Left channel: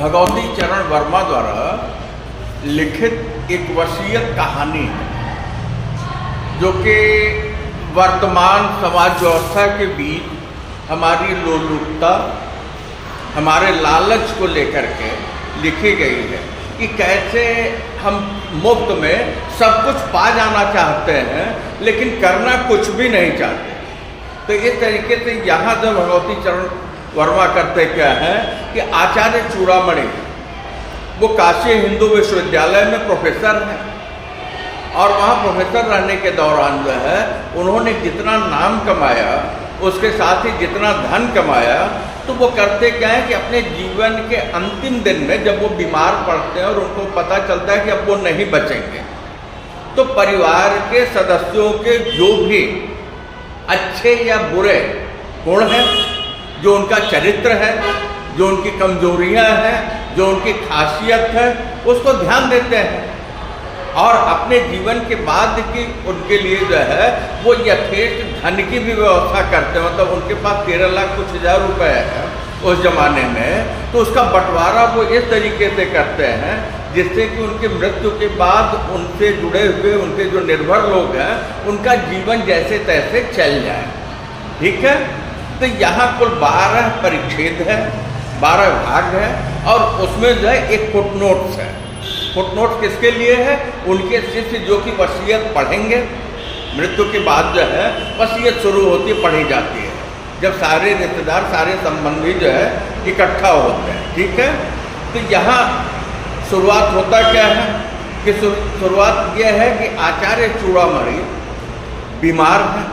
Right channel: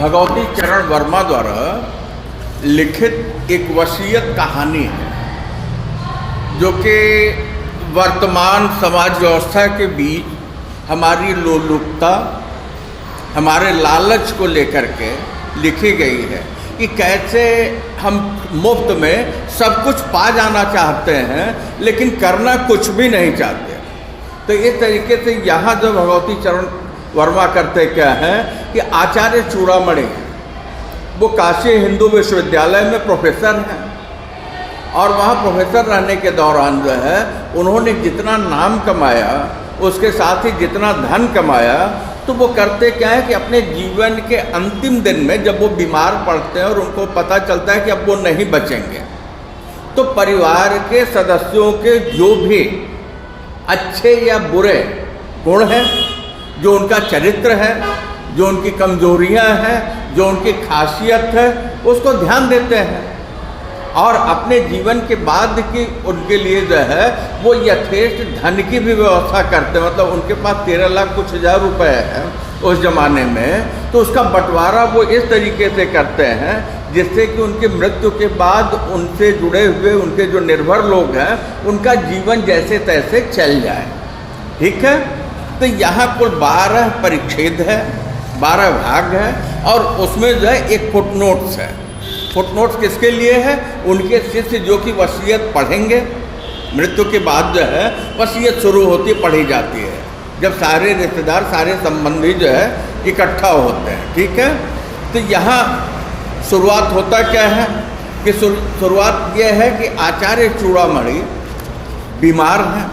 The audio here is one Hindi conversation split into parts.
भगवती चरण वर्मा द्वारा लिखित एक वसीयत कहानी है जो कि वर्तमान समाज व्यवस्था के बीच हमारी लोलुपता, हमारे लालच को लेकर के लिखी गई है कि कैसे हम मुफ्त में सब कुछ पा जाना चाहते हैं लेकिन करना कुछ भी नहीं चाहते। तो इस तरीके से यहाँ जो भगवती चरण वर्मा करते क्या है कि आचार्य चूड़ामणि वो काशी हिंदू विश्वविद्यालय में प्रोफेसर हैं और वहाँ प्रोफेसर रहने के दौरान जो है उन्होंने जितना नाम कमाया उसके साथ ही जितना धन कमाया तो वो करते क्या है कि अपने जीवन के अंतिम दिन में जब वो बीमार पड़ते हैं और उनको पता चलता है कि अब वो नहीं बचेंगे तो परिवार के सदस्यों के जो भी अच्छे या बुरे गुण हैं, जो उनका चरित्र है, जो उनकी कमजोरियां हैं, जो उनकी खासियत है, उसको ध्यान देते हैं और अपने जीवन के बाद की उनके लिए जो है वो यथेष्ट धन की भी व्यवस्था करते हैं। मतलब उनके पास 13 लाख कुछ हज़ार रुपए है उस जमाने में, तो उसका बंटवारा वो इस तरीके से करते हैं जिससे कि उनके मृत्यु के बाद उनसे जुड़े हुए उनके जो निर्भर लोग हैं उनका जीवन जैसे तैसे चल जाए। ठीक है, तो यहाँ कुल 12 परिच्छेद है, 12 भाग है और उसमें जो है एक फुटनोट्स है। फुटनोट्स किसके लिए है? उनके शिष्य जो कि वसीयत पढ़ेंगे, मृत्यु के बाद जो है वसीयत शुरू होती पढ़ी जाती है जब सारे रिश्तेदार सारे संबंधी जो है इकट्ठा होते हैं। ठीक है, तो यहाँ शुरुआत होता क्या है कि शुरुआत यह है कि आचार्य चूड़ामणि बीमार हैं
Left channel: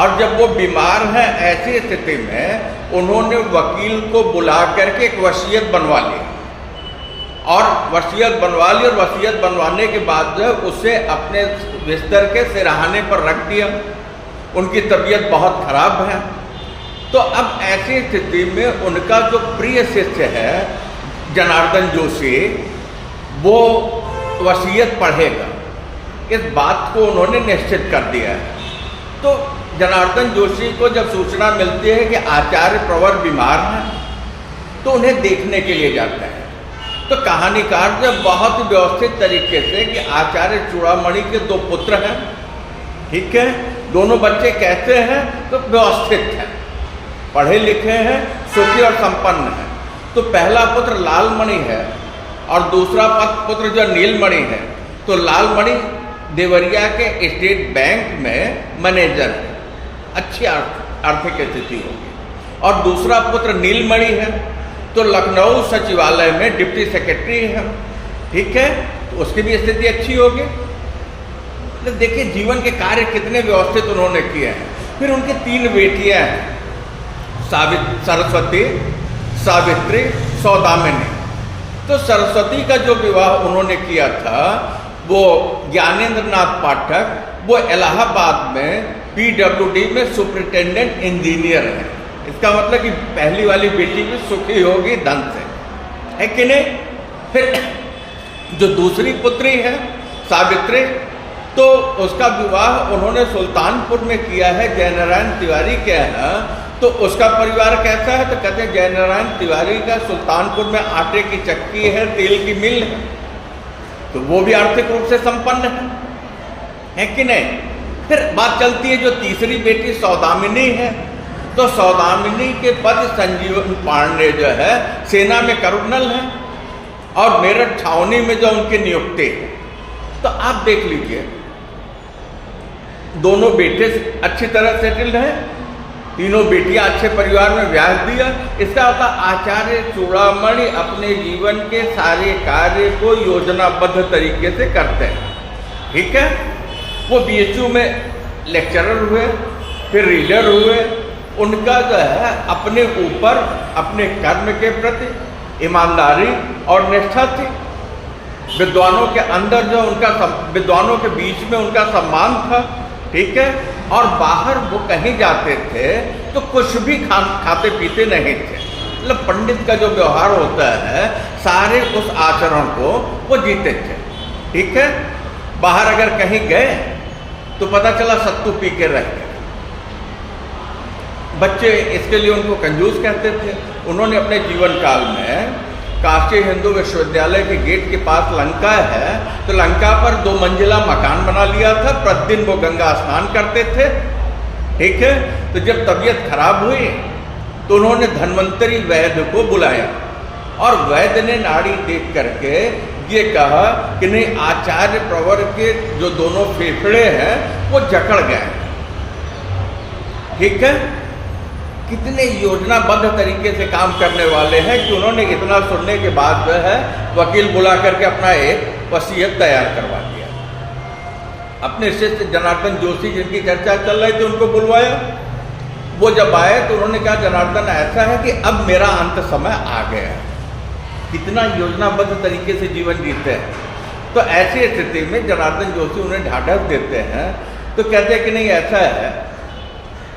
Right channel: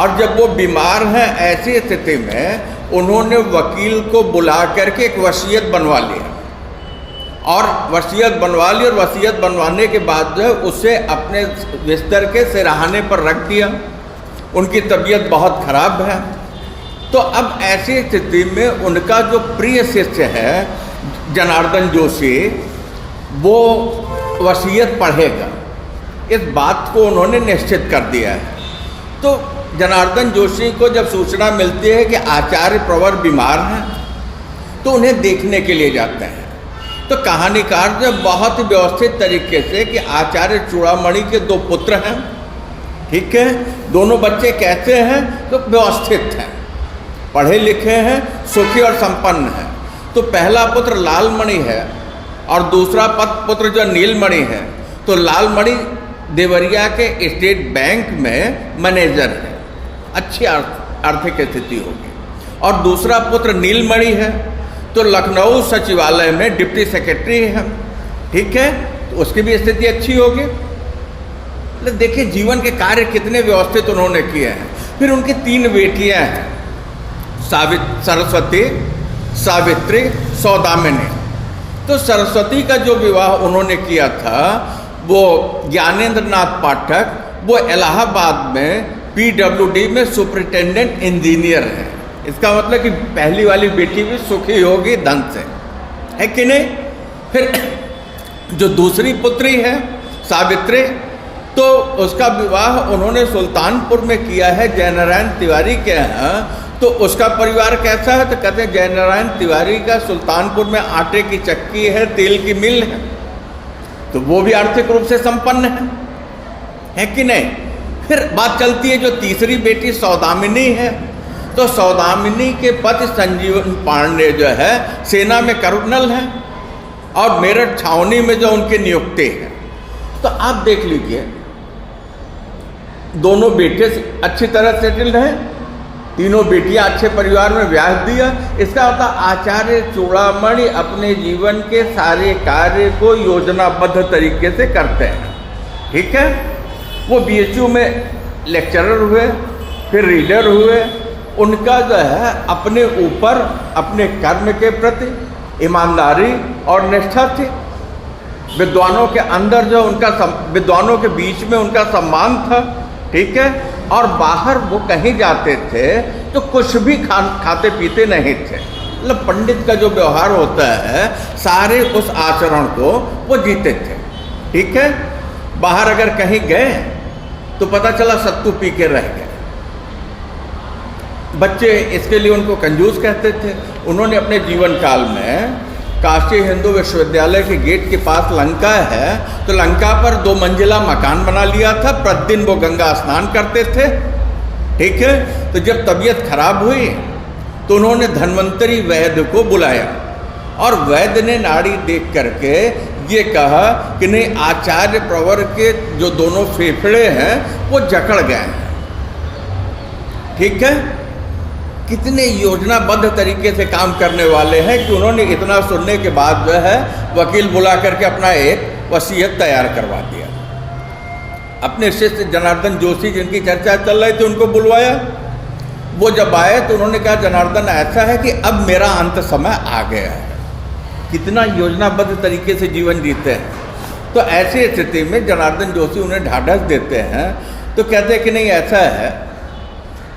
और जब वो बीमार हैं ऐसी स्थिति में उन्होंने वकील को बुला करके एक वसीयत बनवा लिया और वसीयत बनवा ली और वसीयत बनवाने के बाद जो है उसे अपने बिस्तर के सिरहाने पर रख दिया। उनकी तबीयत बहुत खराब है तो अब ऐसी स्थिति में उनका जो प्रिय शिष्य है जनार्दन जोशी वो वसीयत पढ़ेगा, इस बात को उन्होंने निश्चित कर दिया है। तो जनार्दन जोशी को जब सूचना मिलती है कि आचार्य प्रवर बीमार हैं तो उन्हें देखने के लिए जाते हैं। तो कहानीकार जो बहुत ही व्यवस्थित तरीके से कि आचार्य चूड़ामणि के 2 पुत्र हैं, ठीक है, दोनों बच्चे कैसे हैं तो व्यवस्थित हैं, पढ़े लिखे हैं, सुखी और संपन्न हैं। तो पहला पुत्र लालमणि है और दूसरा पुत्र जो नीलमणि है। तो लालमणि देवरिया के स्टेट बैंक में मैनेजर है, अच्छी आर्थिक स्थिति होगी। और दूसरा पुत्र नीलमणि है तो लखनऊ सचिवालय में डिप्टी सेक्रेटरी है। ठीक है, तो उसकी भी स्थिति अच्छी होगी। तो देखिए जीवन के कार्य कितने व्यवस्थित उन्होंने किए हैं। फिर उनकी 3 बेटियां हैं, सरस्वती, सावित्री, सौदामिनी। तो सरस्वती का जो विवाह उन्होंने किया था वो ज्ञानेंद्र नाथ पाठक, वो इलाहाबाद में PWD में सुपरिटेंडेंट इंजीनियर है। इसका मतलब कि पहली वाली बेटी भी सुखी होगी धन से, है कि नहीं। फिर जो दूसरी पुत्री है सावित्री, तो उसका विवाह उन्होंने सुल्तानपुर में किया है जयनारायण तिवारी के यहाँ। तो उसका परिवार कैसा है तो कहते हैं जयनारायण तिवारी का सुल्तानपुर में आटे की चक्की है, तेल की मिल है, तो वो भी आर्थिक रूप से संपन्न है कि नहीं। फिर बात चलती है जो तीसरी बेटी सौदामिनी है, तो सौदामिनी के पति संजीवन पांडे जो है सेना में कर्नल हैं और मेरठ छावनी में जो उनकी नियुक्ति है। तो आप देख लीजिए दोनों बेटे अच्छी तरह सेटल्ड हैं, तीनों बेटियां अच्छे परिवार में ब्याह दिया। इसका मतलब आचार्य चूड़ामणि अपने जीवन के सारे कार्य को योजनाबद्ध तरीके से करते हैं। ठीक है, वो BHU में लेक्चरर हुए, फिर रीडर हुए। उनका जो है अपने ऊपर अपने कर्म के प्रति ईमानदारी और निष्ठा थी। विद्वानों के अंदर जो उनका विद्वानों के बीच में उनका सम्मान था। ठीक है, और बाहर वो कहीं जाते थे तो कुछ भी खाते पीते नहीं थे। मतलब पंडित का जो व्यवहार होता है सारे उस आचरण को वो जीते थे। ठीक है, बाहर अगर कहीं गए तो पता चला सत्तू पी के रह गए। बच्चे इसके लिए उनको कंजूस कहते थे। उन्होंने अपने जीवन काल में काशी राष्ट्रीय हिंदू विश्वविद्यालय के गेट के पास लंका है, तो लंका पर 2 मंजिला मकान बना लिया था। प्रतिदिन वो गंगा स्नान करते थे, ठीक है। तो जब तबीयत खराब हुई तो उन्होंने धन्वंतरी वैद्य को बुलाया और वैद्य ने नाड़ी देख करके ये कहा कि नहीं, आचार्य प्रवर के जो दोनों फेफड़े हैं वो जकड़ गए हैं, ठीक है। कितने योजनाबद्ध तरीके से काम करने वाले हैं कि उन्होंने इतना सुनने के बाद जो है वकील बुला करके अपना एक वसीयत तैयार करवा दिया। अपने शिष्य जनार्दन जोशी जिनकी चर्चा चल रही थी उनको बुलवाया। वो जब आए तो उन्होंने कहा, जनार्दन ऐसा है कि अब मेरा अंत समय आ गया है। कितना योजनाबद्ध तरीके से जीवन जीते हैं। तो ऐसी स्थिति में जनार्दन जोशी उन्हें ढाढ़स देते हैं, तो कहते हैं कि नहीं, ऐसा है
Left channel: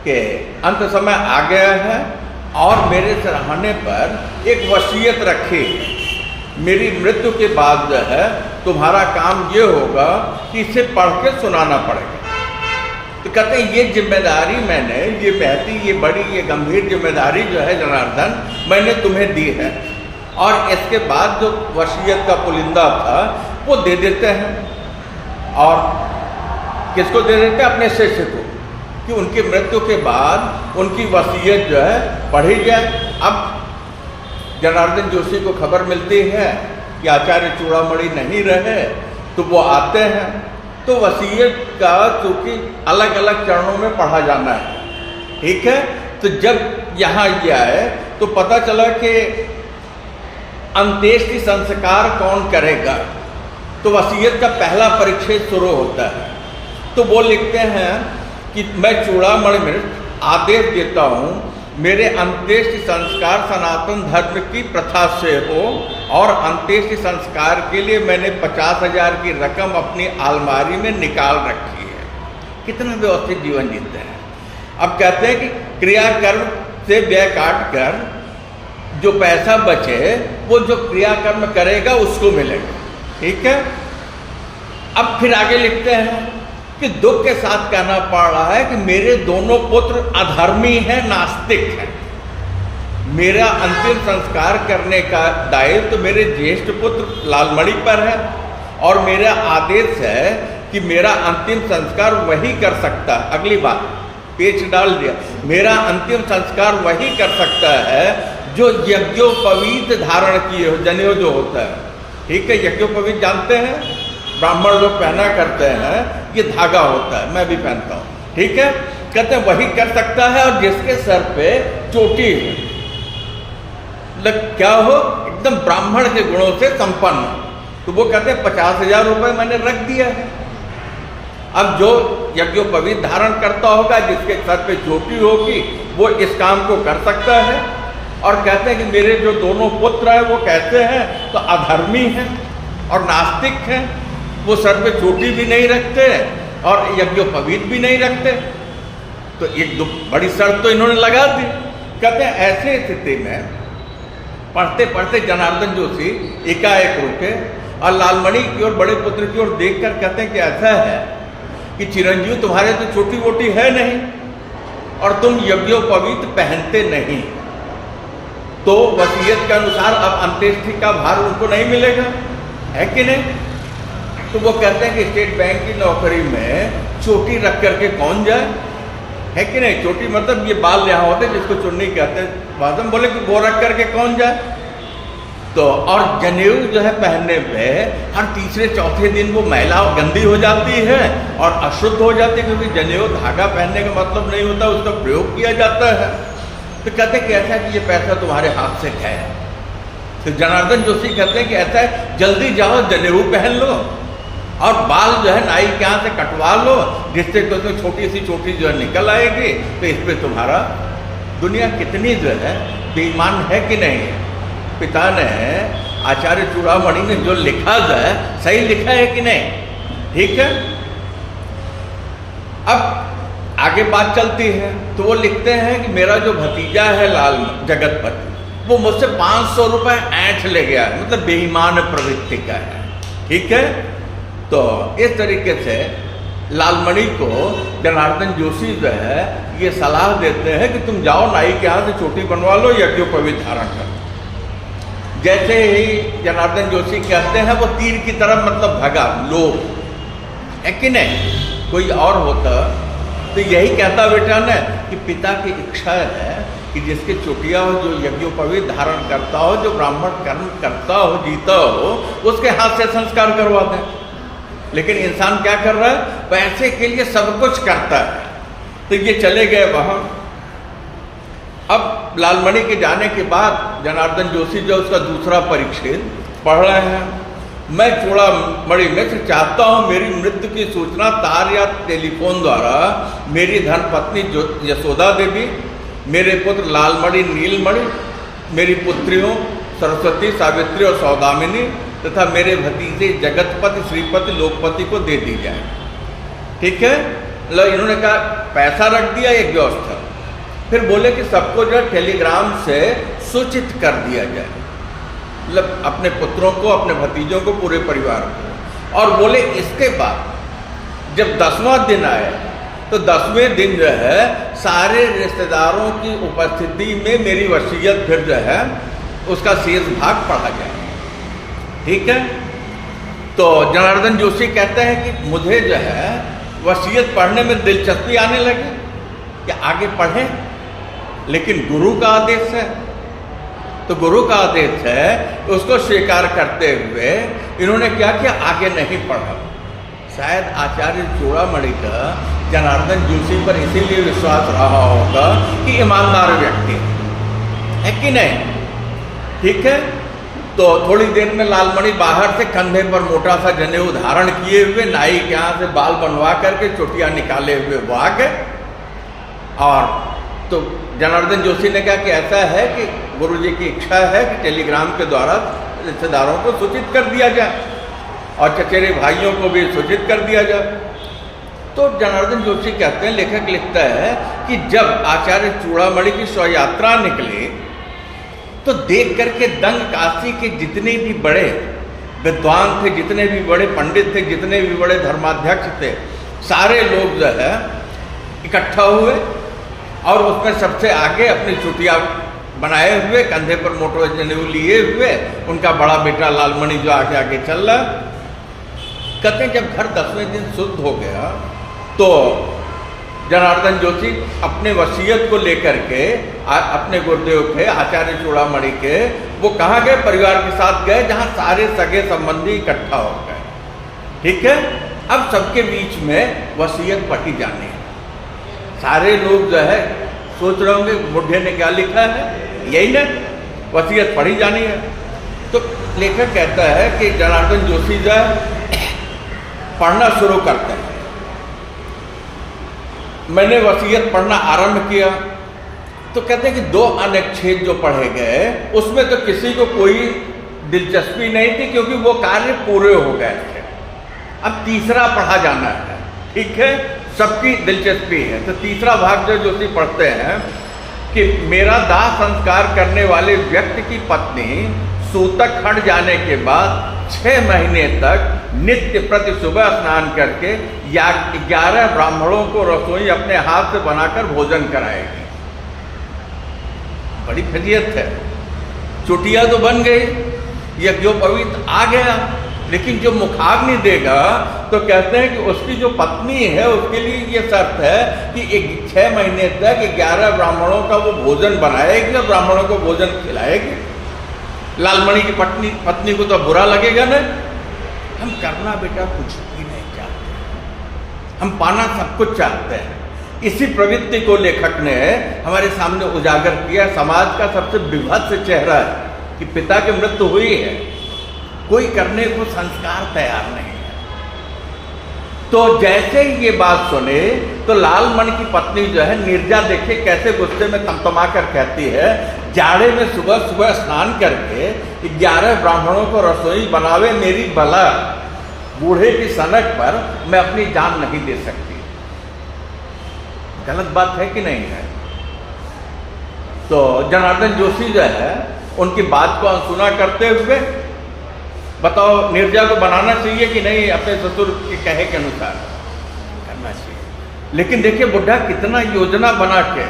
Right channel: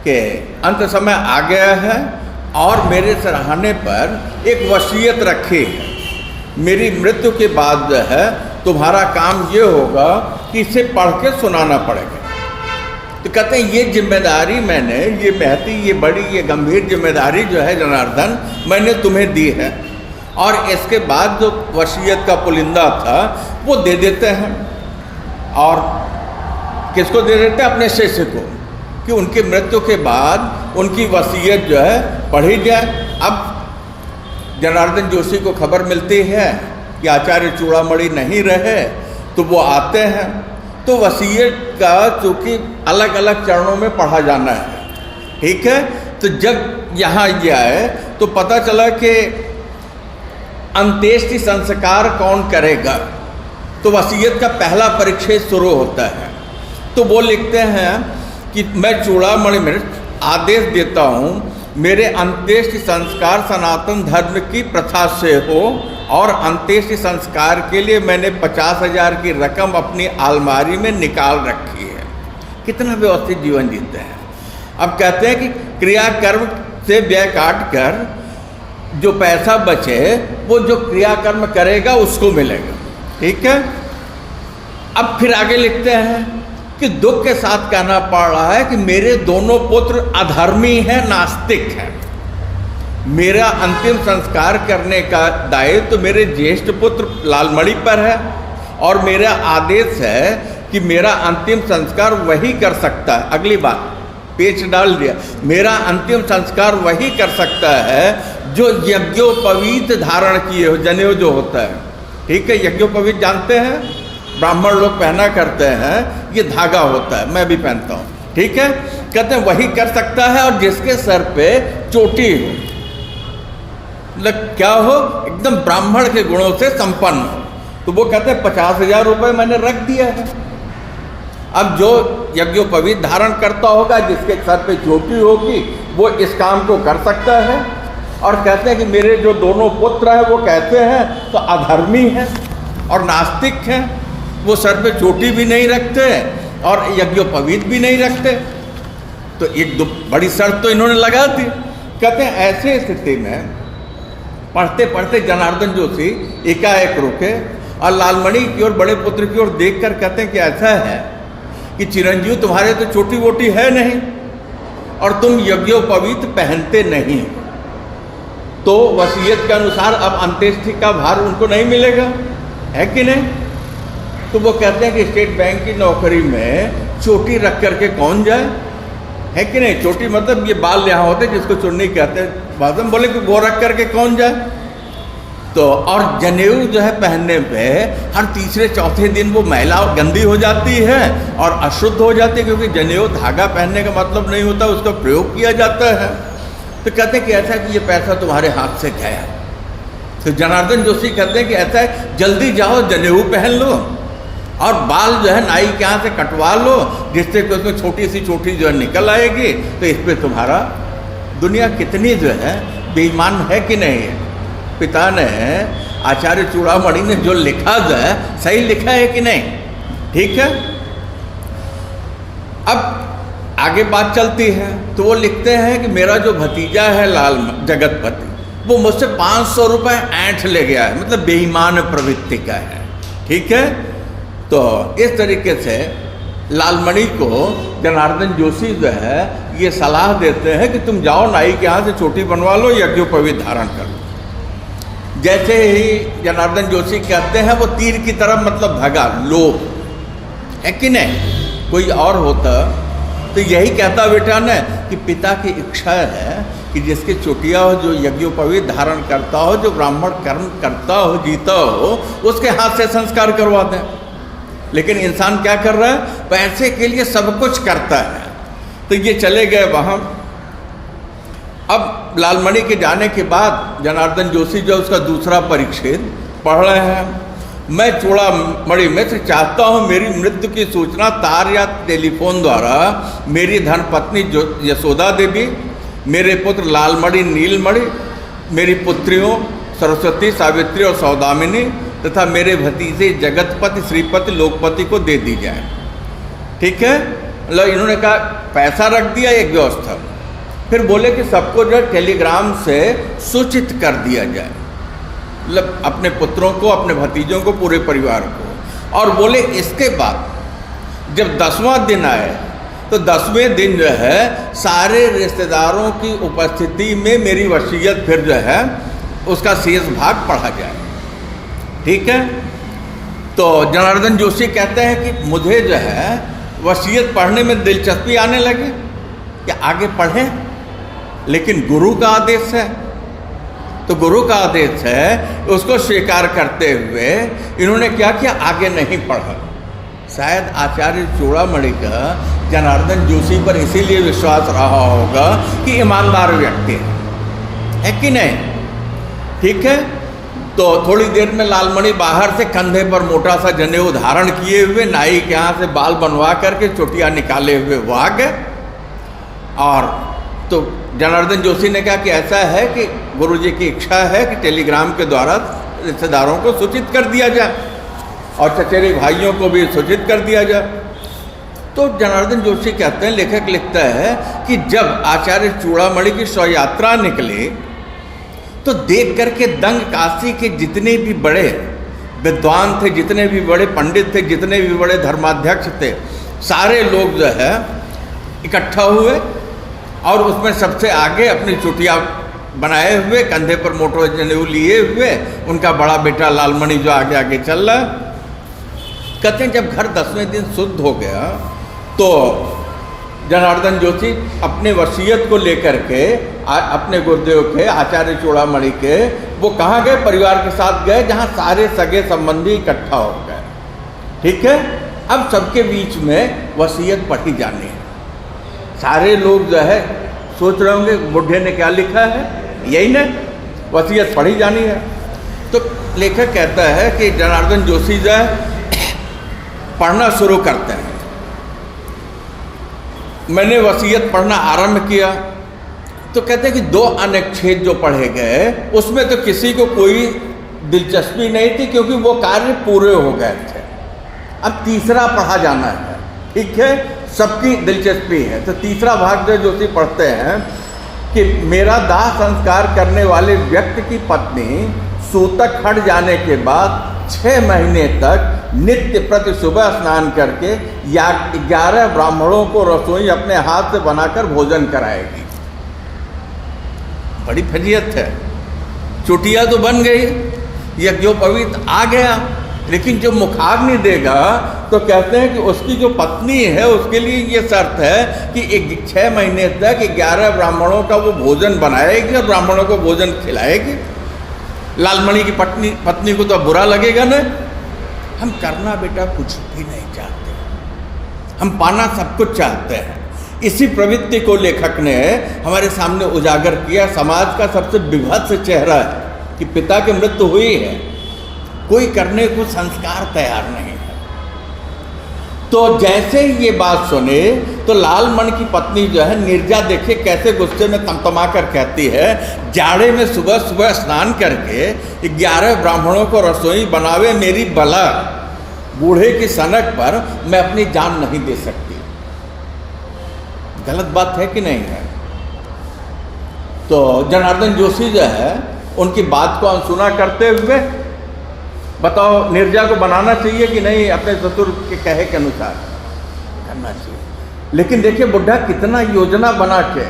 कि अंत समय आ गया है और मेरे सराहने पर एक वसीयत रखी है। मेरी मृत्यु के बाद जो है तुम्हारा काम ये होगा कि इसे पढ़ के सुनाना पड़ेगा। तो कहते हैं ये जिम्मेदारी मैंने, ये महती, ये बड़ी, ये गंभीर जिम्मेदारी जो है जनार्दन मैंने तुम्हें दी है। और इसके बाद जो वसीयत का पुलिंदा था वो दे देते हैं। और किसको दे देते हैं? अपने शिष्य को, कि उनकी मृत्यु के बाद उनकी वसीयत जो है पढ़ी जाए। अब जनार्दन जोशी को खबर मिलती है कि आचार्य चूड़ामणि नहीं रहे, तो वो आते हैं। तो वसीयत का चूँकि अलग अलग चरणों में पढ़ा जाना है, ठीक है। तो जब यहाँ ये आए तो पता चला कि अंत्येष्टि संस्कार कौन करेगा। तो वसीयत का पहला परिच्छेद शुरू होता है। तो वो लिखते हैं कि मैं चूड़ामणि में आदेश देता हूँ, मेरे अंत्येष्टि संस्कार सनातन धर्म की प्रथा से हो, और अंत्येष्टि संस्कार के लिए मैंने 50,000 की रकम अपनी अलमारी में निकाल रखी है। कितना व्यवस्थित जीवन जीते हैं। अब कहते हैं कि क्रियाकर्म से व्यय काट कर जो पैसा बचे वो जो क्रियाकर्म करेगा उसको मिलेगा, ठीक है। अब फिर आगे लिखते हैं कि दुख के साथ कहना पड़ रहा है कि मेरे दोनों पुत्र अधर्मी हैं, नास्तिक हैं। मेरा अंतिम संस्कार करने का दायित्व तो मेरे ज्येष्ठ पुत्र लालमणि पर है, और मेरा आदेश है कि मेरा अंतिम संस्कार वही कर सकता है। अगली बात पेच डाल दिया, मेरा अंतिम संस्कार वही कर सकता है जो यज्ञोपवीत धारण किए हो, जनेऊ जो होता है, ठीक है। यज्ञोपवीत जानते हैं, ब्राह्मण लोग पहना करते हैं, ये धागा होता है, मैं भी पहनता हूँ, ठीक है। कहते हैं वही कर सकता है, और जिसके सर पे चोटी हो, मतलब क्या हो, एकदम ब्राह्मण के गुणों से संपन्न। तो वो कहते हैं 50,000 रुपये मैंने रख दिया है। अब जो यज्ञोपवीत धारण करता होगा, जिसके सर पे चोटी होगी, वो इस काम को कर सकता है। और कहते हैं कि मेरे जो दोनों पुत्र हैं वो कहते हैं तो अधर्मी हैं और नास्तिक हैं, वो सर पे चोटी भी नहीं रखते और यज्ञोपवीत भी नहीं रखते। तो एक दो बड़ी शर्त तो इन्होंने लगा दी। कहते हैं ऐसे स्थिति में पढ़ते पढ़ते जनार्दन जोशी एकाएक रुके और लालमणि की ओर, बड़े पुत्र की ओर देखकर कहते हैं कि ऐसा है कि चिरंजीव तुम्हारे तो छोटी वोटी है नहीं और तुम यज्ञोपवीत पहनते नहीं, तो वसीयत के अनुसार अब अंत्येष्टि का भार उनको नहीं मिलेगा, है कि नहीं। तो वो कहते हैं कि स्टेट बैंक की नौकरी में चोटी रख करके कौन जाए, है कि नहीं। चोटी मतलब ये बाल यहाँ होते जिसको चुन्नी कहते हैं, बादम बोले कि वो रख करके कौन जाए। तो और जनेऊ जो है पहनने पे हर तीसरे चौथे दिन वो मैला गंदी हो जाती है और अशुद्ध हो जाती है, क्योंकि जनेऊ धागा पहनने का मतलब नहीं होता, उसका प्रयोग किया जाता है। तो कहते हैं कि ऐसा कि ये पैसा तुम्हारे हाथ से गया। तो जनार्दन जोशी कहते हैं कि ऐसा है, जल्दी जाओ जनेऊ पहन लो और बाल जो है नाई के यहाँ से कटवा लो, जिससे कि उसमें छोटी सी चोटी जो है निकल आएगी। तो इस पर तुम्हारा दुनिया कितनी जो है बेईमान है कि नहीं है। पिता ने, आचार्य चूड़ामणि ने जो लिखा जो है सही लिखा है कि नहीं, ठीक है। अब आगे बात चलती है तो वो लिखते हैं कि मेरा जो भतीजा है लाल जगतपति, वो मुझसे 500 रुपये ऐंठ ले गया है, मतलब बेईमान प्रवृत्ति का है, ठीक है। तो इस तरीके से लालमणि को जनार्दन जोशी जो है ये सलाह देते हैं कि तुम जाओ नाई के यहाँ से चोटी बनवा लो, यज्ञोपवीत धारण कर लो। जैसे ही जनार्दन जोशी कहते हैं वो तीर की तरफ मतलब भगा, लोभ है कि नहीं। कोई और होता तो यही कहता बेटा ने कि पिता की इच्छा है कि जिसके चुटिया हो, जो यज्ञोपवीत धारण करता हो, जो ब्राह्मण कर्म करता हो, जीता हो, उसके हाथ से संस्कार करवा दें। लेकिन इंसान क्या कर रहा है, पैसे के लिए सब कुछ करता है। तो ये चले गए वहाँ। अब लालमणि के जाने के बाद जनार्दन जोशी जो उसका दूसरा परिच्छेद पढ़ रहे हैं। मैं चूड़ामणि मिश्र चाहता हूँ मेरी मृत्यु की सूचना तार या टेलीफोन द्वारा मेरी धर्मपत्नी यशोदा देवी, मेरे पुत्र लालमणि नीलमणि, मेरी पुत्रियों सरस्वती, सावित्री और सौदामिनी तथा मेरे भतीजे जगतपति, श्रीपति, लोकपति को दे दी जाए। ठीक है, मतलब इन्होंने कहा पैसा रख दिया एक व्यवस्था। फिर बोले कि सबको जो टेलीग्राम से सूचित कर दिया जाए, मतलब अपने पुत्रों को, अपने भतीजों को, पूरे परिवार को। और बोले इसके बाद जब 10वां दिन आए तो 10वें दिन जो है सारे रिश्तेदारों की उपस्थिति में मेरी वसीयत फिर जो है उसका शेष भाग पढ़ा जाए। ठीक है, तो जनार्दन जोशी कहते हैं कि मुझे जो है वसीयत पढ़ने में दिलचस्पी आने लगी कि आगे पढ़ें, लेकिन गुरु का आदेश है। तो गुरु का आदेश है, उसको स्वीकार करते हुए इन्होंने क्या किया, आगे नहीं पढ़ा। शायद आचार्य चूड़ामणि का जनार्दन जोशी पर इसीलिए विश्वास रहा होगा कि ईमानदार व्यक्ति है कि नहीं। ठीक है, तो थोड़ी देर में लालमणि बाहर से कंधे पर मोटा सा जनेऊ धारण किए हुए, नाई के यहाँ से बाल बनवा करके चोटियाँ निकाले हुए वो आ गए। और तो जनार्दन जोशी ने कहा कि ऐसा है कि गुरुजी की इच्छा है कि टेलीग्राम के द्वारा रिश्तेदारों को सूचित कर दिया जाए और चचेरे भाइयों को भी सूचित कर दिया जाए। तो जनार्दन जोशी कहते हैं, लेखक लिखता है कि जब आचार्य चूड़ामणि की शव यात्रा निकली तो देख करके दंग काशी के जितने भी बड़े विद्वान थे, जितने भी बड़े पंडित थे, जितने भी बड़े धर्माध्यक्ष थे, सारे लोग जो है इकट्ठा हुए और उसमें सबसे आगे अपनी चुटिया बनाए हुए, कंधे पर मोटो जनेऊ लिए हुए उनका बड़ा बेटा लालमणि जो आगे आगे चल रहा। कहते हैं जब घर 10वें दिन शुद्ध हो गया तो जनार्दन जोशी अपने वसीयत को लेकर के अपने गुरुदेव के आचार्य चूड़ामणि के वो कहाँ गए, परिवार के साथ गए जहाँ सारे सगे संबंधी इकट्ठा हो गए। ठीक है, अब सबके बीच में वसीयत पढ़ी जानी है। सारे लोग जो है सोच रहे होंगे बुढ़े ने क्या लिखा है, यही ना, वसीयत पढ़ी जानी है। तो लेखक कहता है कि जनार्दन जोशी जो है पढ़ना शुरू करते हैं। मैंने वसीयत पढ़ना आरंभ किया तो कहते हैं कि 2 अनुच्छेद जो पढ़े गए उसमें तो किसी को कोई दिलचस्पी नहीं थी क्योंकि वो कार्य पूरे हो गए थे। अब तीसरा पढ़ा जाना है। ठीक है, सबकी दिलचस्पी है। तो तीसरा भाग जो जोशी पढ़ते हैं कि मेरा दाह संस्कार करने वाले व्यक्ति की पत्नी सूतक हट जाने के बाद 6 महीने तक नित्य प्रति सुबह स्नान करके या 11 ब्राह्मणों को रसोई अपने हाथ से बनाकर भोजन कराएगी। बड़ी फजीयत है। चुटिया तो बन गई, यज्ञोपवीत आ गया, लेकिन जो मुखाग्नि देगा तो कहते हैं कि उसकी जो पत्नी है उसके लिए ये शर्त है कि 6 महीने तक 11 ब्राह्मणों का वो भोजन बनाएगी और ब्राह्मणों को भोजन खिलाएगी। लालमणि की पत्नी को तो बुरा लगेगा ना। हम करना बेटा कुछ भी नहीं चाहते, हम पाना सब कुछ चाहते हैं। इसी प्रवृत्ति को लेखक ने हमारे सामने उजागर किया। समाज का सबसे विभत्स चेहरा है कि पिता की मृत्यु हुई है, कोई करने को संस्कार तैयार नहीं है। तो जैसे ही ये बात सुने तो लालमणि की पत्नी जो है निर्जा देखे कैसे गुस्से में तमतमा कर कहती है, जाड़े में सुबह सुबह स्नान करके 11 ब्राह्मणों को रसोई बनावे मेरी भला, बूढ़े की सनक पर मैं अपनी जान नहीं दे सकती। गलत बात है कि नहीं है? तो जनार्दन जोशी जो है उनकी बात को अनसुना करते हुए, बताओ निर्जा को बनाना चाहिए कि नहीं, अपने ससुर के कहे के अनुसार करना चाहिए। लेकिन देखिए बुढ़ा कितना योजना बना के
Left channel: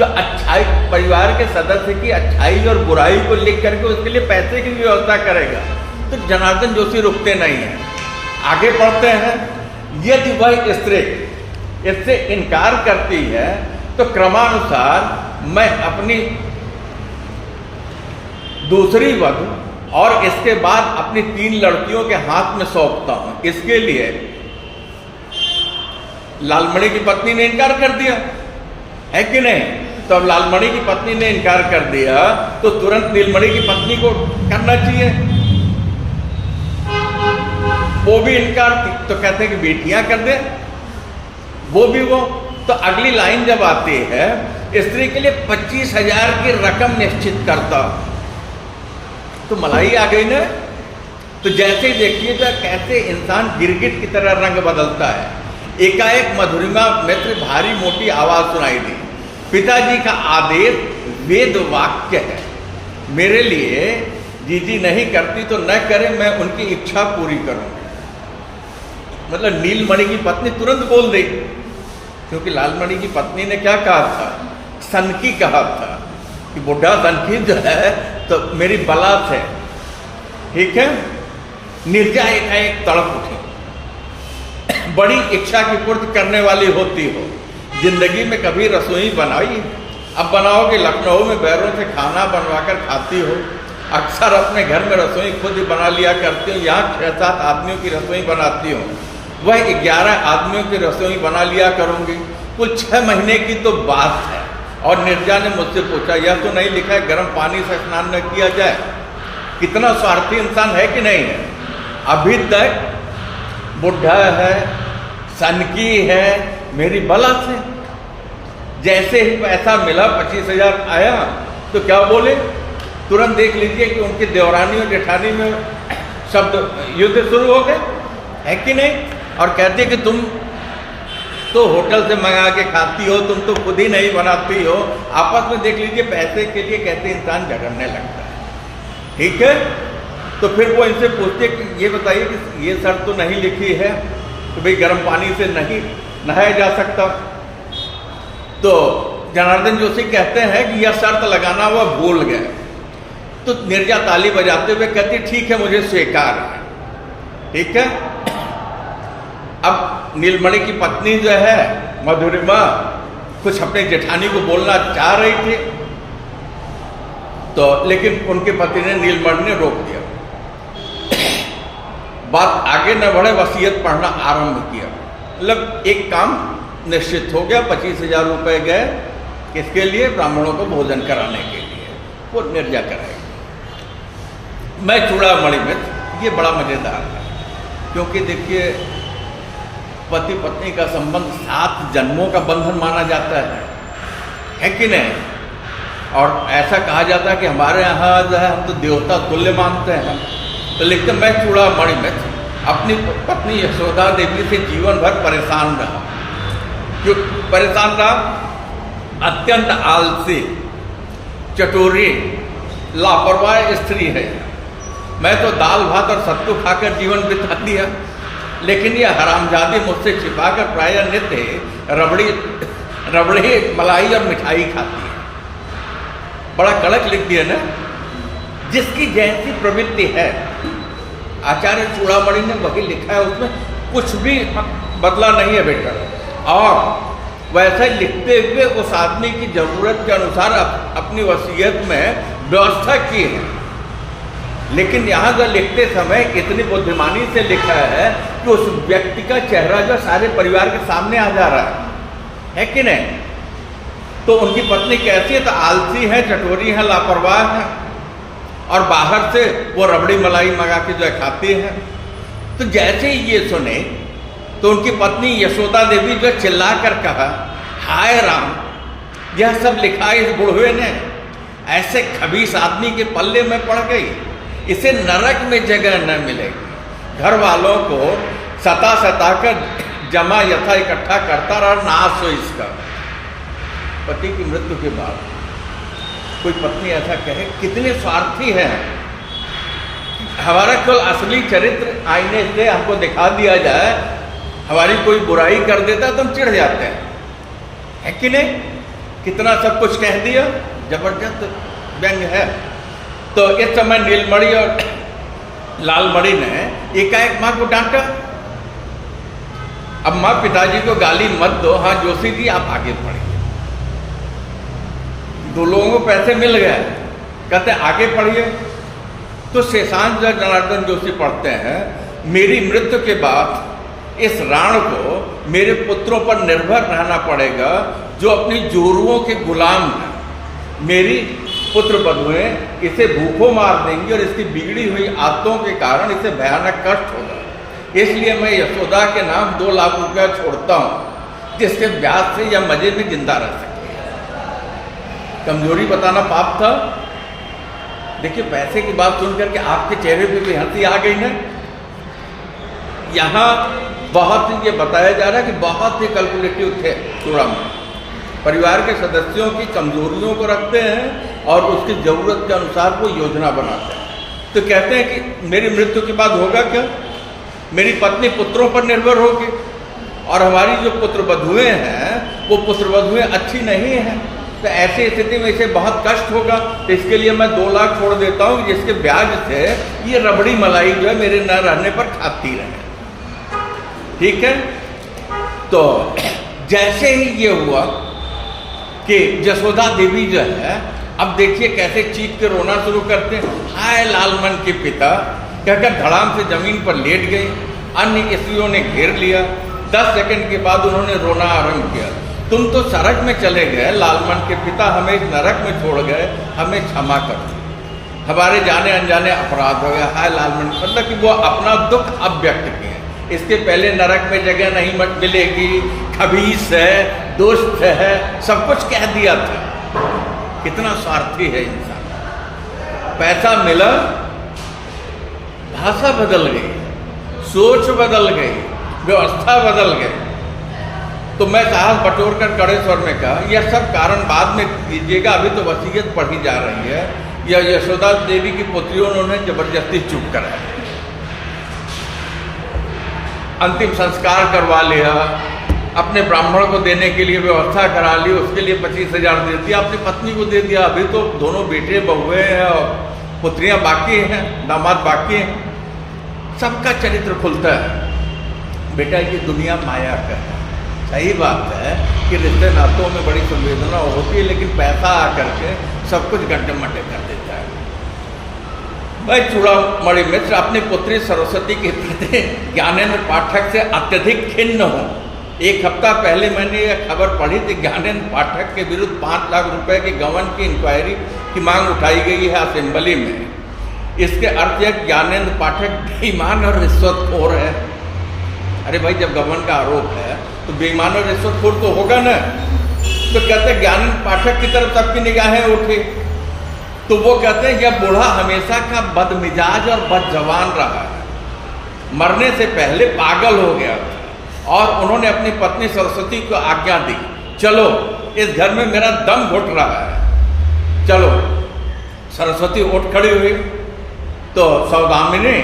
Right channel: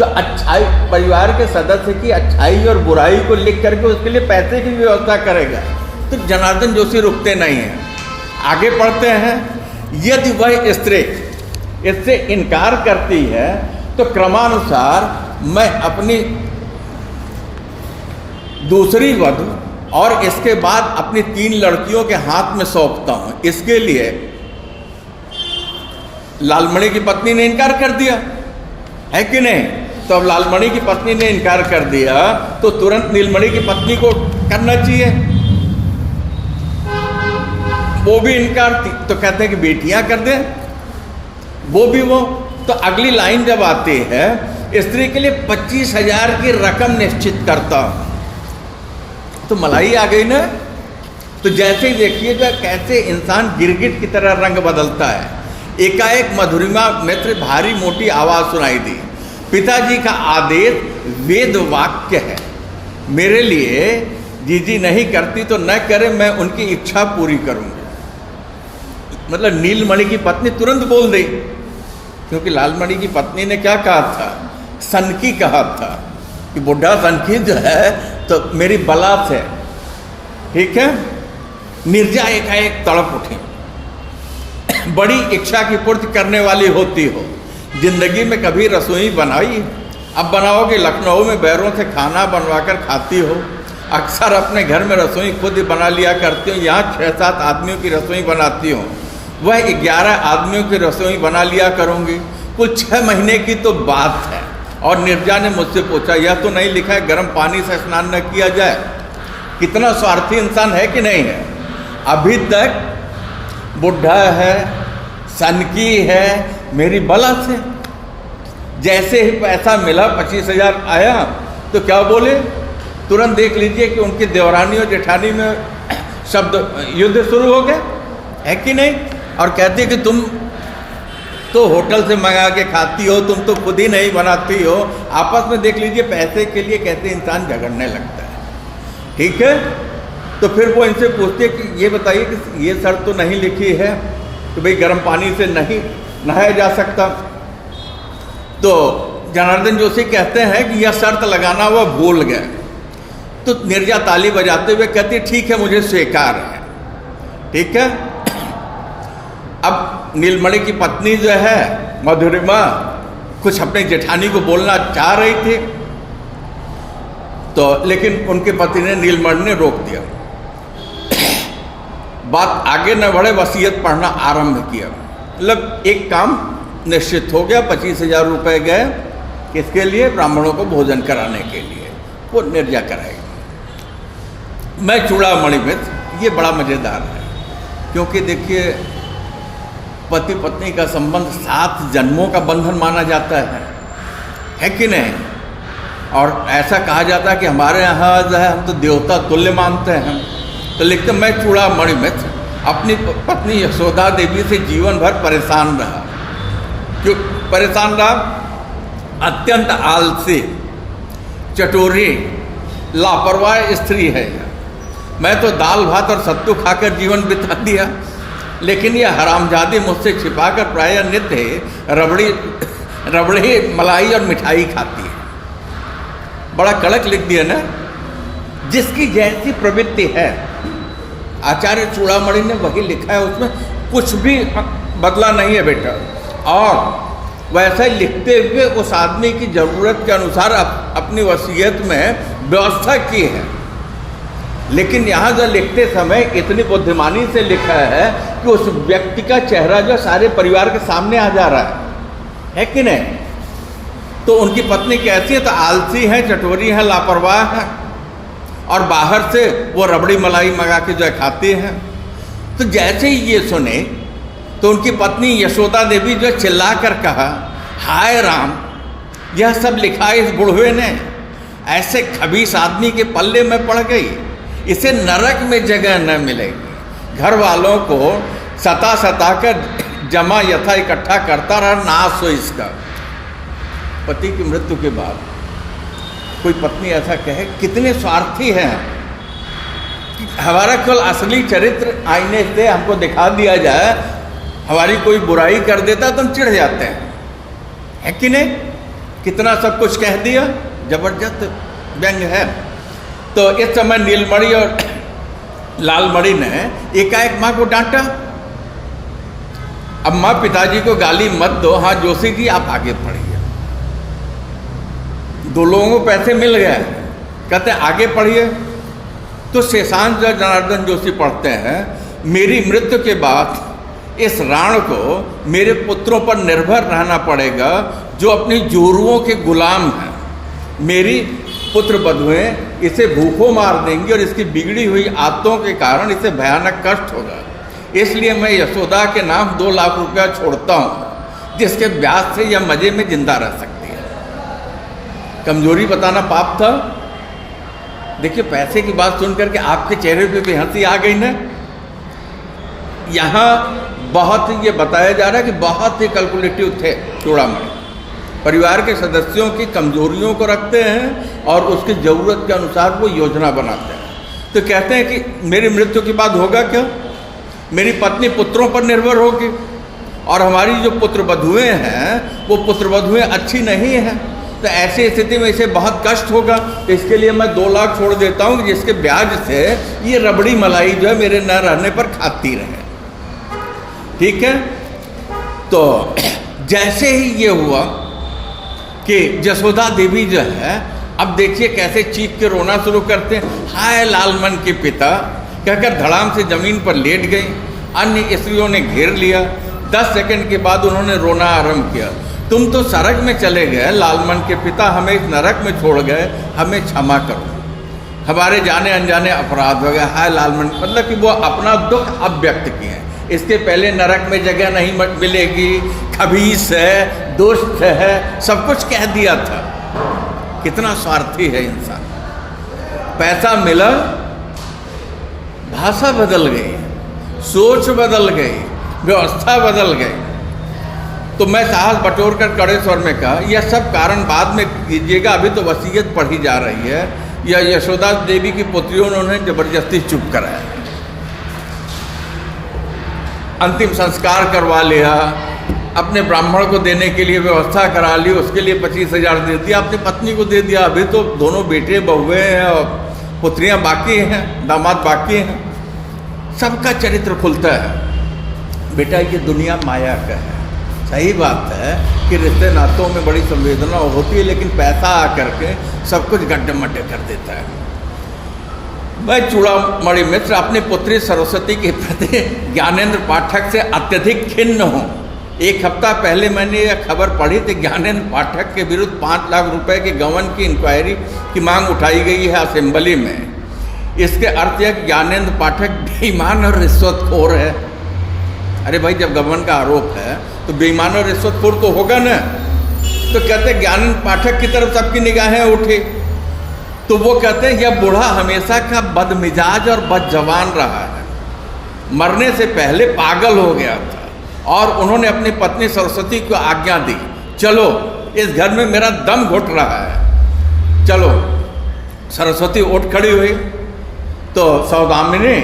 जो अच्छाई, परिवार के सदस्य की अच्छाई और बुराई को लिख करके उसके लिए पैसे की व्यवस्था करेगा, तो जनार्दन जोशी रुकते नहीं हैं। आगे बढ़ते हैं, यदि वह स्त्री इससे इनकार करती है तो क्रमानुसार मैं अपनी दूसरी वधू और इसके बाद अपनी 3 लड़कियों के हाथ में सौंपता हूं। इसके लिए लालमणि की पत्नी ने इनकार कर दिया, है कि नहीं? तो अब लालमणि की पत्नी ने इनकार कर दिया तो तुरंत नीलमणि की पत्नी को करना चाहिए। वो भी इनकार थी तो कहते हैं कि बेटियां कर दे, वो भी वो। तो अगली लाइन जब आती है, स्त्री के लिए 25,000 की रकम निश्चित करता, तो मलाई आ गई ना। तो जैसे ही देखिएगा कैसे इंसान गिरगिट की तरह रंग बदलता है। एकाएक मधुरिमा मित्र भारी मोटी आवाज सुनाई दी, पिताजी का आदेश वेद वाक्य है, मेरे लिए जीजी नहीं करती तो न करे, मैं उनकी इच्छा पूरी करूंगी। मतलब नीलमणि की पत्नी तुरंत बोल दी, क्योंकि लालमणि की पत्नी ने क्या कहा था? सनकी कहा था कि बुढ़ा सनकी जो है तो मेरी बलात है, ठीक है। निर्जा एकाएक तड़प उठी, बड़ी इच्छा की पूर्ति करने वाली होती हो, जिंदगी में कभी रसोई बनाई? अब बनाओगे, लखनऊ में बैरों से खाना बनवाकर खाती हो। अक्सर अपने घर में रसोई खुद ही बना लिया करती हो, यहाँ 6-7 आदमियों की रसोई बनाती हो, वह 11 आदमियों की रसोई बना लिया करूँगी। कुल 6 महीने की तो बात है। और निर्जा ने मुझसे पूछा, यह तो नहीं लिखा है गर्म पानी से स्नान न किया जाए? कितना स्वार्थी इंसान है कि नहीं है? अभी तक बुढ़ा है, सनकी है, मेरी बला से। जैसे ही पैसा मिला, 25,000 आया, तो क्या बोले? तुरंत देख लीजिए कि उनकी देवरानी और जेठानी में शब्द युद्ध शुरू हो गया, है कि नहीं? और कहते कि तुम तो होटल से मंगा के खाती हो, तुम तो खुद ही नहीं बनाती हो। आपस में देख लीजिए पैसे के लिए कैसे इंसान झगड़ने लगता है, ठीक है। तो फिर वो इनसे पूछते कि ये बताइए कि ये शर्त तो नहीं लिखी है कि भाई गर्म पानी से नहीं नहाया जा सकता। तो जनार्दन जोशी कहते हैं कि यह शर्त लगाना वो भूल गए। तो निर्जा ताली बजाते हुए कहती, ठीक है, मुझे स्वीकार है, ठीक है। अब नीलमणि की पत्नी जो है मधुरिमा कुछ अपनी जेठानी को बोलना चाह रही थी, तो लेकिन उनके पति ने, नीलमणि ने रोक दिया। बात आगे न बढ़े, वसीयत पढ़ना आरंभ किया। मतलब एक काम निश्चित हो गया, 25,000 रुपये गए किसके लिए? ब्राह्मणों को भोजन कराने के लिए, वो निर्जा कराएगी। मैं चूड़ामणि मित्र, ये बड़ा मज़ेदार है, क्योंकि देखिए पति पत्नी का संबंध 7 जन्मों का बंधन माना जाता है कि नहीं? और ऐसा कहा जाता है कि हमारे यहाँ जो है हम तो देवता तुल्य मानते हैं। तो लिखते, मैं चूड़ामणि मित्र अपनी पत्नी यशोदा देवी से जीवन भर परेशान रहा। क्यों परेशान रहा? अत्यंत आलसी, चटोरी, लापरवाह स्त्री है। मैं तो दाल भात और सत्तू खाकर जीवन बिता दिया, लेकिन यह हरामजादी मुझसे छिपाकर प्रायः नित्य रबड़ी मलाई और मिठाई खाती है। बड़ा कड़क लिख दिया ना, जिसकी जैसी प्रवृत्ति है। आचार्य चूड़ामणि ने वही लिखा है, उसमें कुछ भी बदला नहीं है बेटा। और वैसे लिखते हुए उस आदमी की ज़रूरत के अनुसार अपनी वसीयत में व्यवस्था की है। लेकिन यहाँ जो लिखते समय इतनी बुद्धिमानी से लिखा है कि उस व्यक्ति का चेहरा जो सारे परिवार के सामने आ जा रहा है कि नहीं? तो उनकी पत्नी कैसी है? तो आलसी है, चटोरी है, लापरवाह है, और बाहर से वो रबड़ी मलाई मंगा के जो खाती है। तो जैसे ही ये सुने तो उनकी पत्नी यशोदा देवी जो चिल्ला कर कहा, हाय राम, यह सब लिखा इस बुढ़वे ने ऐसे खबीस आदमी के पल्ले में पड़ गई, इसे नरक में जगह न मिलेगी। घर वालों को सता कर जमा यथा इकट्ठा करता रहा, नाश हो इसका। पति की मृत्यु के बाद कोई पत्नी ऐसा कहे, कितने स्वार्थी हैं। हमारा केवल असली चरित्र आईने से हमको दिखा दिया जाए, हमारी कोई बुराई कर देता तो हम चिढ़ जाते हैं, है कि नहीं? कितना सब कुछ कह दिया, जबरदस्त व्यंग है। तो इस समय नीलमणि और लालमणि ने एकाएक माँ को डांटा। अब माँ पिताजी को गाली मत दो, हाँ जोशी जी आप आगे पढ़िए। दो लोगों को पैसे मिल गए, कहते आगे पढ़िए। तो शेषांश जनार्दन जोशी पढ़ते हैं, मेरी मृत्यु के बाद इस राण को मेरे पुत्रों पर निर्भर रहना पड़ेगा जो अपनी जोरुओं के गुलाम हैं। मेरी पुत्र बधुएं इसे भूखों मार देंगी और इसकी बिगड़ी हुई आदतों के कारण इसे भयानक कष्ट होगा। इसलिए मैं यशोदा के नाम 2 लाख रुपया छोड़ता हूँ, जिसके ब्याज से यह मजे में जिंदा रह सकती है। कमजोरी बताना पाप था। देखिए पैसे की बात सुन करके आपके चेहरे पे भी हंसी आ गई ना। यहाँ बहुत ये बताया जा रहा है कि बहुत ही कैलकुलेटिव थे चूड़ामणि। परिवार के सदस्यों की कमजोरियों को रखते हैं और उसकी ज़रूरत के अनुसार वो योजना बनाते हैं। तो कहते हैं कि मेरी मृत्यु के बाद होगा क्या, मेरी पत्नी पुत्रों पर निर्भर होगी और हमारी जो पुत्र वधुएं हैं वो पुत्र वधुएं अच्छी नहीं हैं। तो ऐसी स्थिति में इसे बहुत कष्ट होगा। तो इसके लिए मैं 2 लाख छोड़ देता हूँ, जिसके ब्याज से ये रबड़ी मलाई जो है मेरे न रहने पर खाती रहे। ठीक है। तो जैसे ही ये हुआ कि जसोदा देवी जो है, अब देखिए कैसे चीख के रोना शुरू करते हैं, हाय लालमन के पिता कहकर धड़ाम से जमीन पर लेट गई। अन्य स्त्रियों ने घेर लिया। 10 सेकंड के बाद उन्होंने रोना आरंभ किया। तुम तो सड़क में चले गए लालमन के पिता, हमें इस नरक में छोड़ गए, हमें क्षमा करो, हमारे जाने अनजाने अपराध हो गए। हाय लालमन, मतलब कि वो अपना दुख अब व्यक्त किए। इसके पहले नरक में जगह नहीं मिलेगी, खबीस है, दुष्ट है, सब कुछ कह दिया था। कितना स्वार्थी है इंसान। पैसा मिला, भाषा बदल गई, सोच बदल गई, व्यवस्था बदल गई। तो मैं साहस बटोर कर कड़े स्वर में कहा, यह सब कारण बाद में कीजिएगा, अभी तो वसीयत पढ़ी जा रही है। यह यशोदा देवी की पुत्रियों ने जबरदस्ती चुप कराया, अंतिम संस्कार करवा लिया, अपने ब्राह्मण को देने के लिए व्यवस्था करा ली, उसके लिए 25,000 दे दिया, अपनी पत्नी को दे दिया। अभी तो दोनों बेटे बहुएं हैं और पुत्रियां बाकी हैं, दामाद बाकी हैं। सबका चरित्र खुलता है। बेटा ये दुनिया माया का है। सही बात है कि रिश्ते नातों में बड़ी संवेदना होती है, लेकिन पैसा आकर के सब कुछ गड्ढे-मड्ढे कर देता है। मैं चूड़ामणि मिश्र अपनी पुत्री सरस्वती के प्रति ज्ञानेंद्र पाठक से अत्यधिक खिन्न हूँ। 1 हफ्ता पहले मैंने यह खबर पढ़ी थी, ज्ञानेंद्र पाठक के विरुद्ध 5 लाख रुपए के गबन की इंक्वायरी की मांग उठाई गई है असेंबली में। इसके अर्थ है कि ज्ञानेंद्र पाठक बेईमान और रिश्वतखोर है। अरे भाई, जब गबन का आरोप है तो बेईमान और रिश्वतखोर तो होगा ना। तो कहते हैं ज्ञानेंद्र पाठक की तरफ सबकी निगाहें उठी, तो वो कहते हैं यह बूढ़ा हमेशा का बदमिजाज और बदजवान रहा है, मरने से पहले पागल हो गया था और उन्होंने अपनी पत्नी सरस्वती को आज्ञा दी, चलो इस घर में मेरा दम घुट रहा है, चलो। सरस्वती उठ खड़ी हुई तो सौदामिनी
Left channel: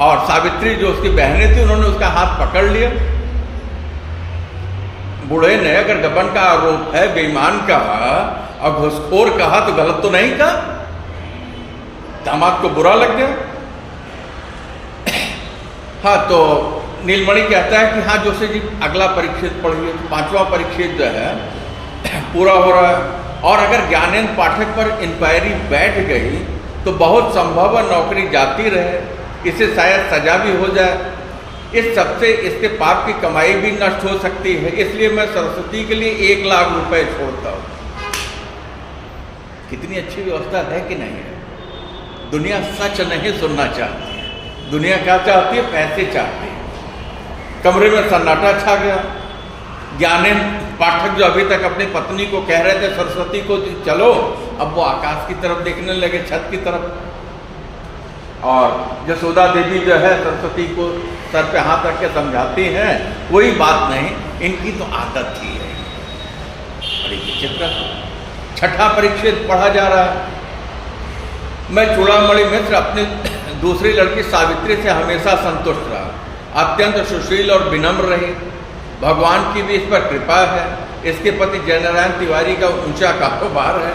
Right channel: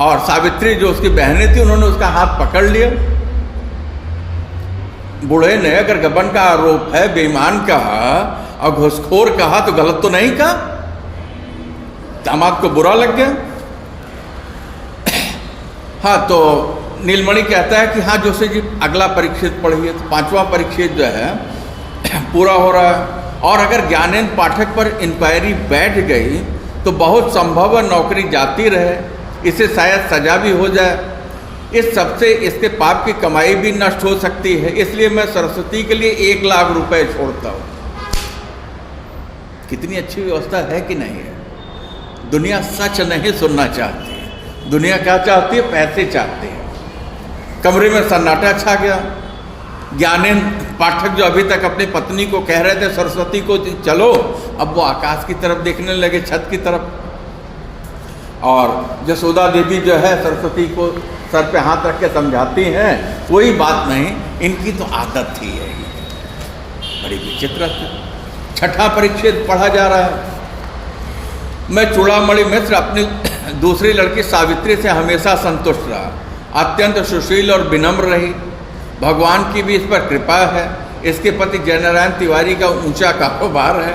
और सावित्री जो उसकी बहनें थी, उन्होंने उसका हाथ पकड़ लिया। बूढ़े ने अगर गबन का आरोप है, बेईमान कहा और घूसखोर कहा तो गलत तो नहीं कहा। दामाद को बुरा लग गया। हाँ, तो नीलमणि कहता है कि हाँ जोशी जी अगला परिच्छेद पढ़िए। तो 5वां परिच्छेद जो है पूरा हो रहा है। और अगर ज्ञानेंद्र पाठक पर इंक्वायरी बैठ गई तो बहुत संभव है नौकरी जाती रहे, इसे शायद सजा भी हो जाए। इस सबसे इसके पाप की कमाई भी नष्ट हो सकती है, इसलिए मैं सरस्वती के लिए 1 लाख रुपए छोड़ता हूँ। कितनी अच्छी व्यवस्था है कि नहीं है। दुनिया सच नहीं सुनना चाहती है, दुनिया क्या चाहती है, पैसे चाहती है। कमरे में सन्नाटा छा गया। ज्ञानेंद्र पाठक जो अभी तक अपनी पत्नी को कह रहे थे सरस्वती को चलो, अब वो आकाश की तरफ देखने लगे, छत की तरफ। और जसोदा देवी जो है सरस्वती को सर पे हाथ रख के समझाती हैं, कोई बात नहीं, इनकी तो आदत थी है। बड़ी विचित्र। 6ठा परिच्छेद पढ़ा जा रहा है। मैं चूड़ामणि मिश्र अपनी दूसरी लड़की सावित्री से हमेशा संतुष्ट रहा, अत्यंत सुशील और विनम्र रही। भगवान की भी इस पर कृपा है। इसके पति जयनारायण तिवारी का ऊंचा कारोबार है,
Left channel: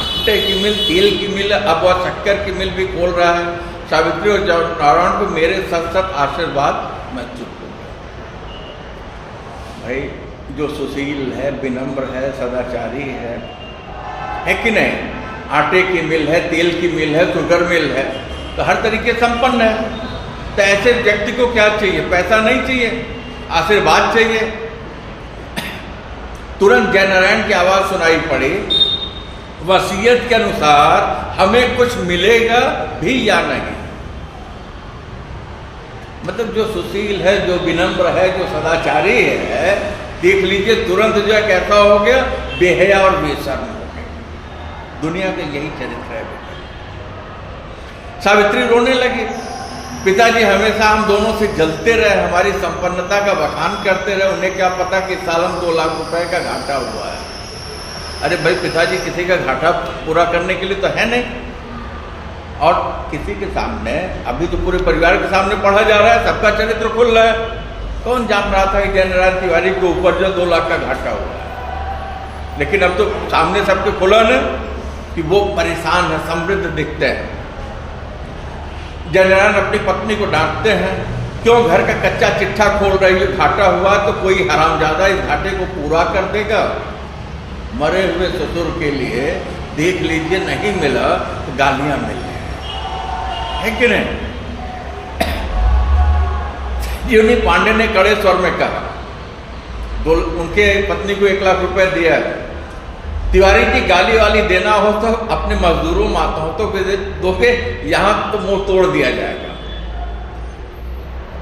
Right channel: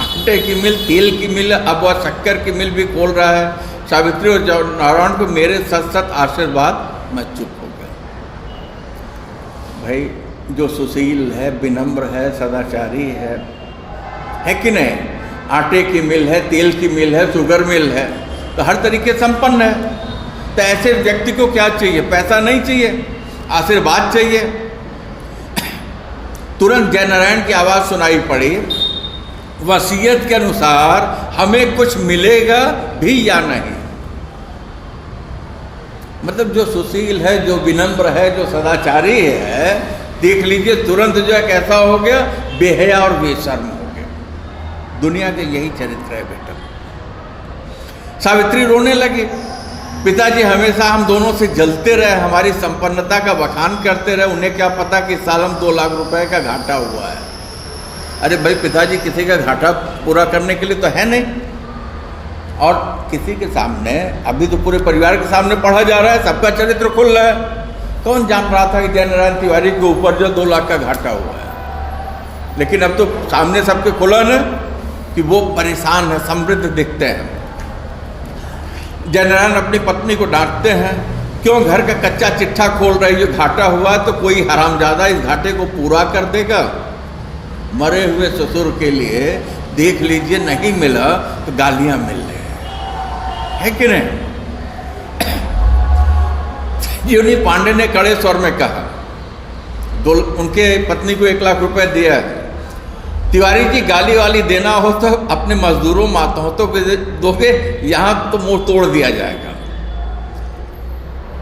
आटे की मिल, तेल की मिल, अब वह शक्कर की मिल भी खोल रहा है। सावित्री और नारायण को मेरे सत सत आशीर्वाद, मैं चुप हो गया। भाई जो सुशील है, विनम्र है, सदाचारी है कि नहीं? आटे की मिल है, तेल की मिल है, शुगर मिल है, तो हर तरीके संपन्न है। तो ऐसे व्यक्ति को क्या चाहिए? पैसा नहीं चाहिए, आशीर्वाद चाहिए। तुरंत जयनारायण की आवाज़ सुनाई पड़ी, वसीयत के अनुसार हमें कुछ मिलेगा भी या नहीं। मतलब जो सुशील है, जो विनम्र है, जो सदाचारी है, देख लीजिए तुरंत जो है कैसा हो गया, बेहया और बेशर्म हो गया। दुनिया के यही चरित्र है बेटा। सावित्री रोने लगी, पिताजी हमेशा हम दोनों से जलते रहे, हमारी संपन्नता का बखान करते रहे, उन्हें क्या पता कि सालन 2 लाख रुपए का घाटा हुआ है। अरे भाई पिताजी किसी का घाटा पूरा करने के लिए तो है नहीं, और किसी के सामने, अभी तो पूरे परिवार के सामने पढ़ा जा रहा है, सबका चरित्र खुल रहा है। कौन जान रहा था कि जयनारायण तिवारी के ऊपर जो 2 लाख का घाटा हुआ है? लेकिन अब तो सामने सबके खुला है कि वो परेशान है, समृद्ध दिखते हैं। जयनारायण अपनी पत्नी को डांटते हैं, क्यों घर का कच्चा चिट्ठा खोल रही है? घाटा हुआ तो कोई हरामजादा इस घाटे को पूरा कर देगा। मरे हुए ससुर के लिए देख लीजिए नहीं मिला तो गालियां मिल रही है कि नहीं? जीवनी पांडे ने कड़े स्वर में कहा, उनके पत्नी को 1 लाख रुपए दिया है, तिवारी जी गाली वाली देना हो तो अपने मजदूरों माताओं तो दोगे, यहाँ तो मुंह तोड़ दिया जाएगा।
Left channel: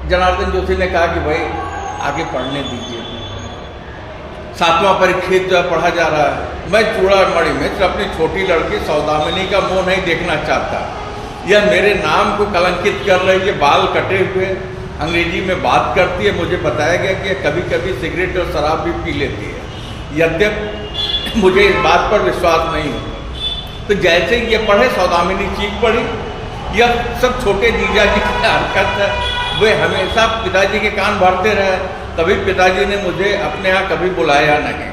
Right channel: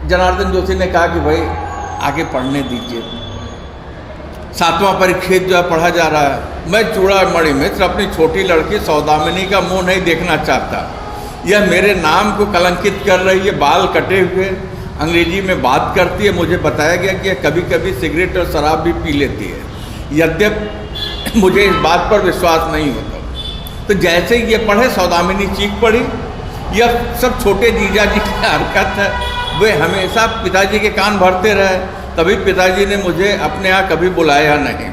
जनार्दन जोशी ने कहा कि भाई आगे पढ़ने दीजिए, 7वां परिच्छेद जो पढ़ा जा रहा है। मैं चूड़ामणि मित्र अपनी छोटी लड़की सौदामिनी का मुंह नहीं देखना चाहता, यह मेरे नाम को कलंकित कर रही है, बाल कटे हुए, अंग्रेजी में बात करती है। मुझे बताया गया कि कभी कभी सिगरेट और शराब भी पी लेती है, यद्यपि मुझे इस बात पर विश्वास नहीं होता। तो जैसे ही ये पढ़े सौदामिनी चीख पड़ी, यह सब छोटे जीजा जी की हरकत है, वे हमेशा पिताजी के कान भरते रहे, तभी पिताजी ने मुझे अपने यहाँ कभी बुलाया नहीं।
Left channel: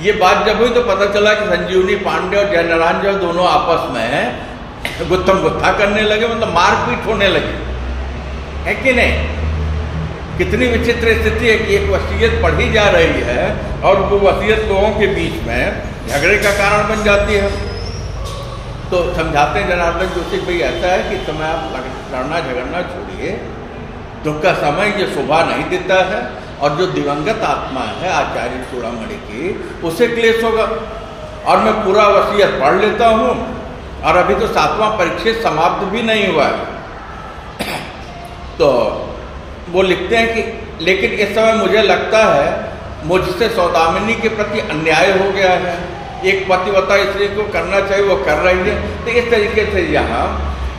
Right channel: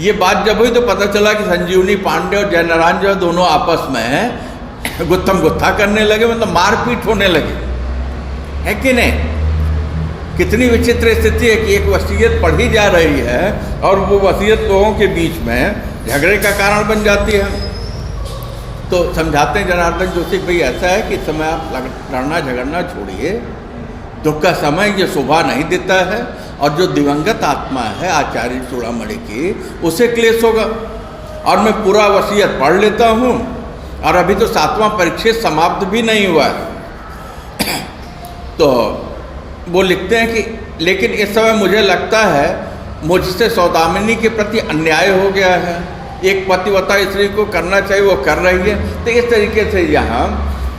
ये बात जब हुई तो पता चला कि संजीवनी पांडे और जयनारायण जो दोनों आपस में गुत्थम गुत्था करने लगे, मतलब मारपीट होने लगी, है कि नहीं? कितनी विचित्र स्थिति है कि एक वसीयत पढ़ी जा रही है और वो वसीयत लोगों के बीच में झगड़े का कारण बन जाती है। तो समझाते हैं जनार्दन जोशी, भाई ऐसा है कि समय आप लड़ना झगड़ना छोड़िए, दुख का समय ये शोभा नहीं देता है, और जो दिवंगत आत्मा है आचार्य चूड़ामणि की, उसे क्लेश होगा। और मैं पूरा वसीयत पढ़ लेता हूँ, और अभी तो 7वां परिच्छेद समाप्त भी नहीं हुआ है। तो वो लिखते हैं कि लेकिन इस समय मुझे लगता है मुझसे सौदामिनी के प्रति अन्याय हो गया है, एक पतिव्रता स्त्री को करना चाहिए वो कर रही है। तो इस तरीके से यहाँ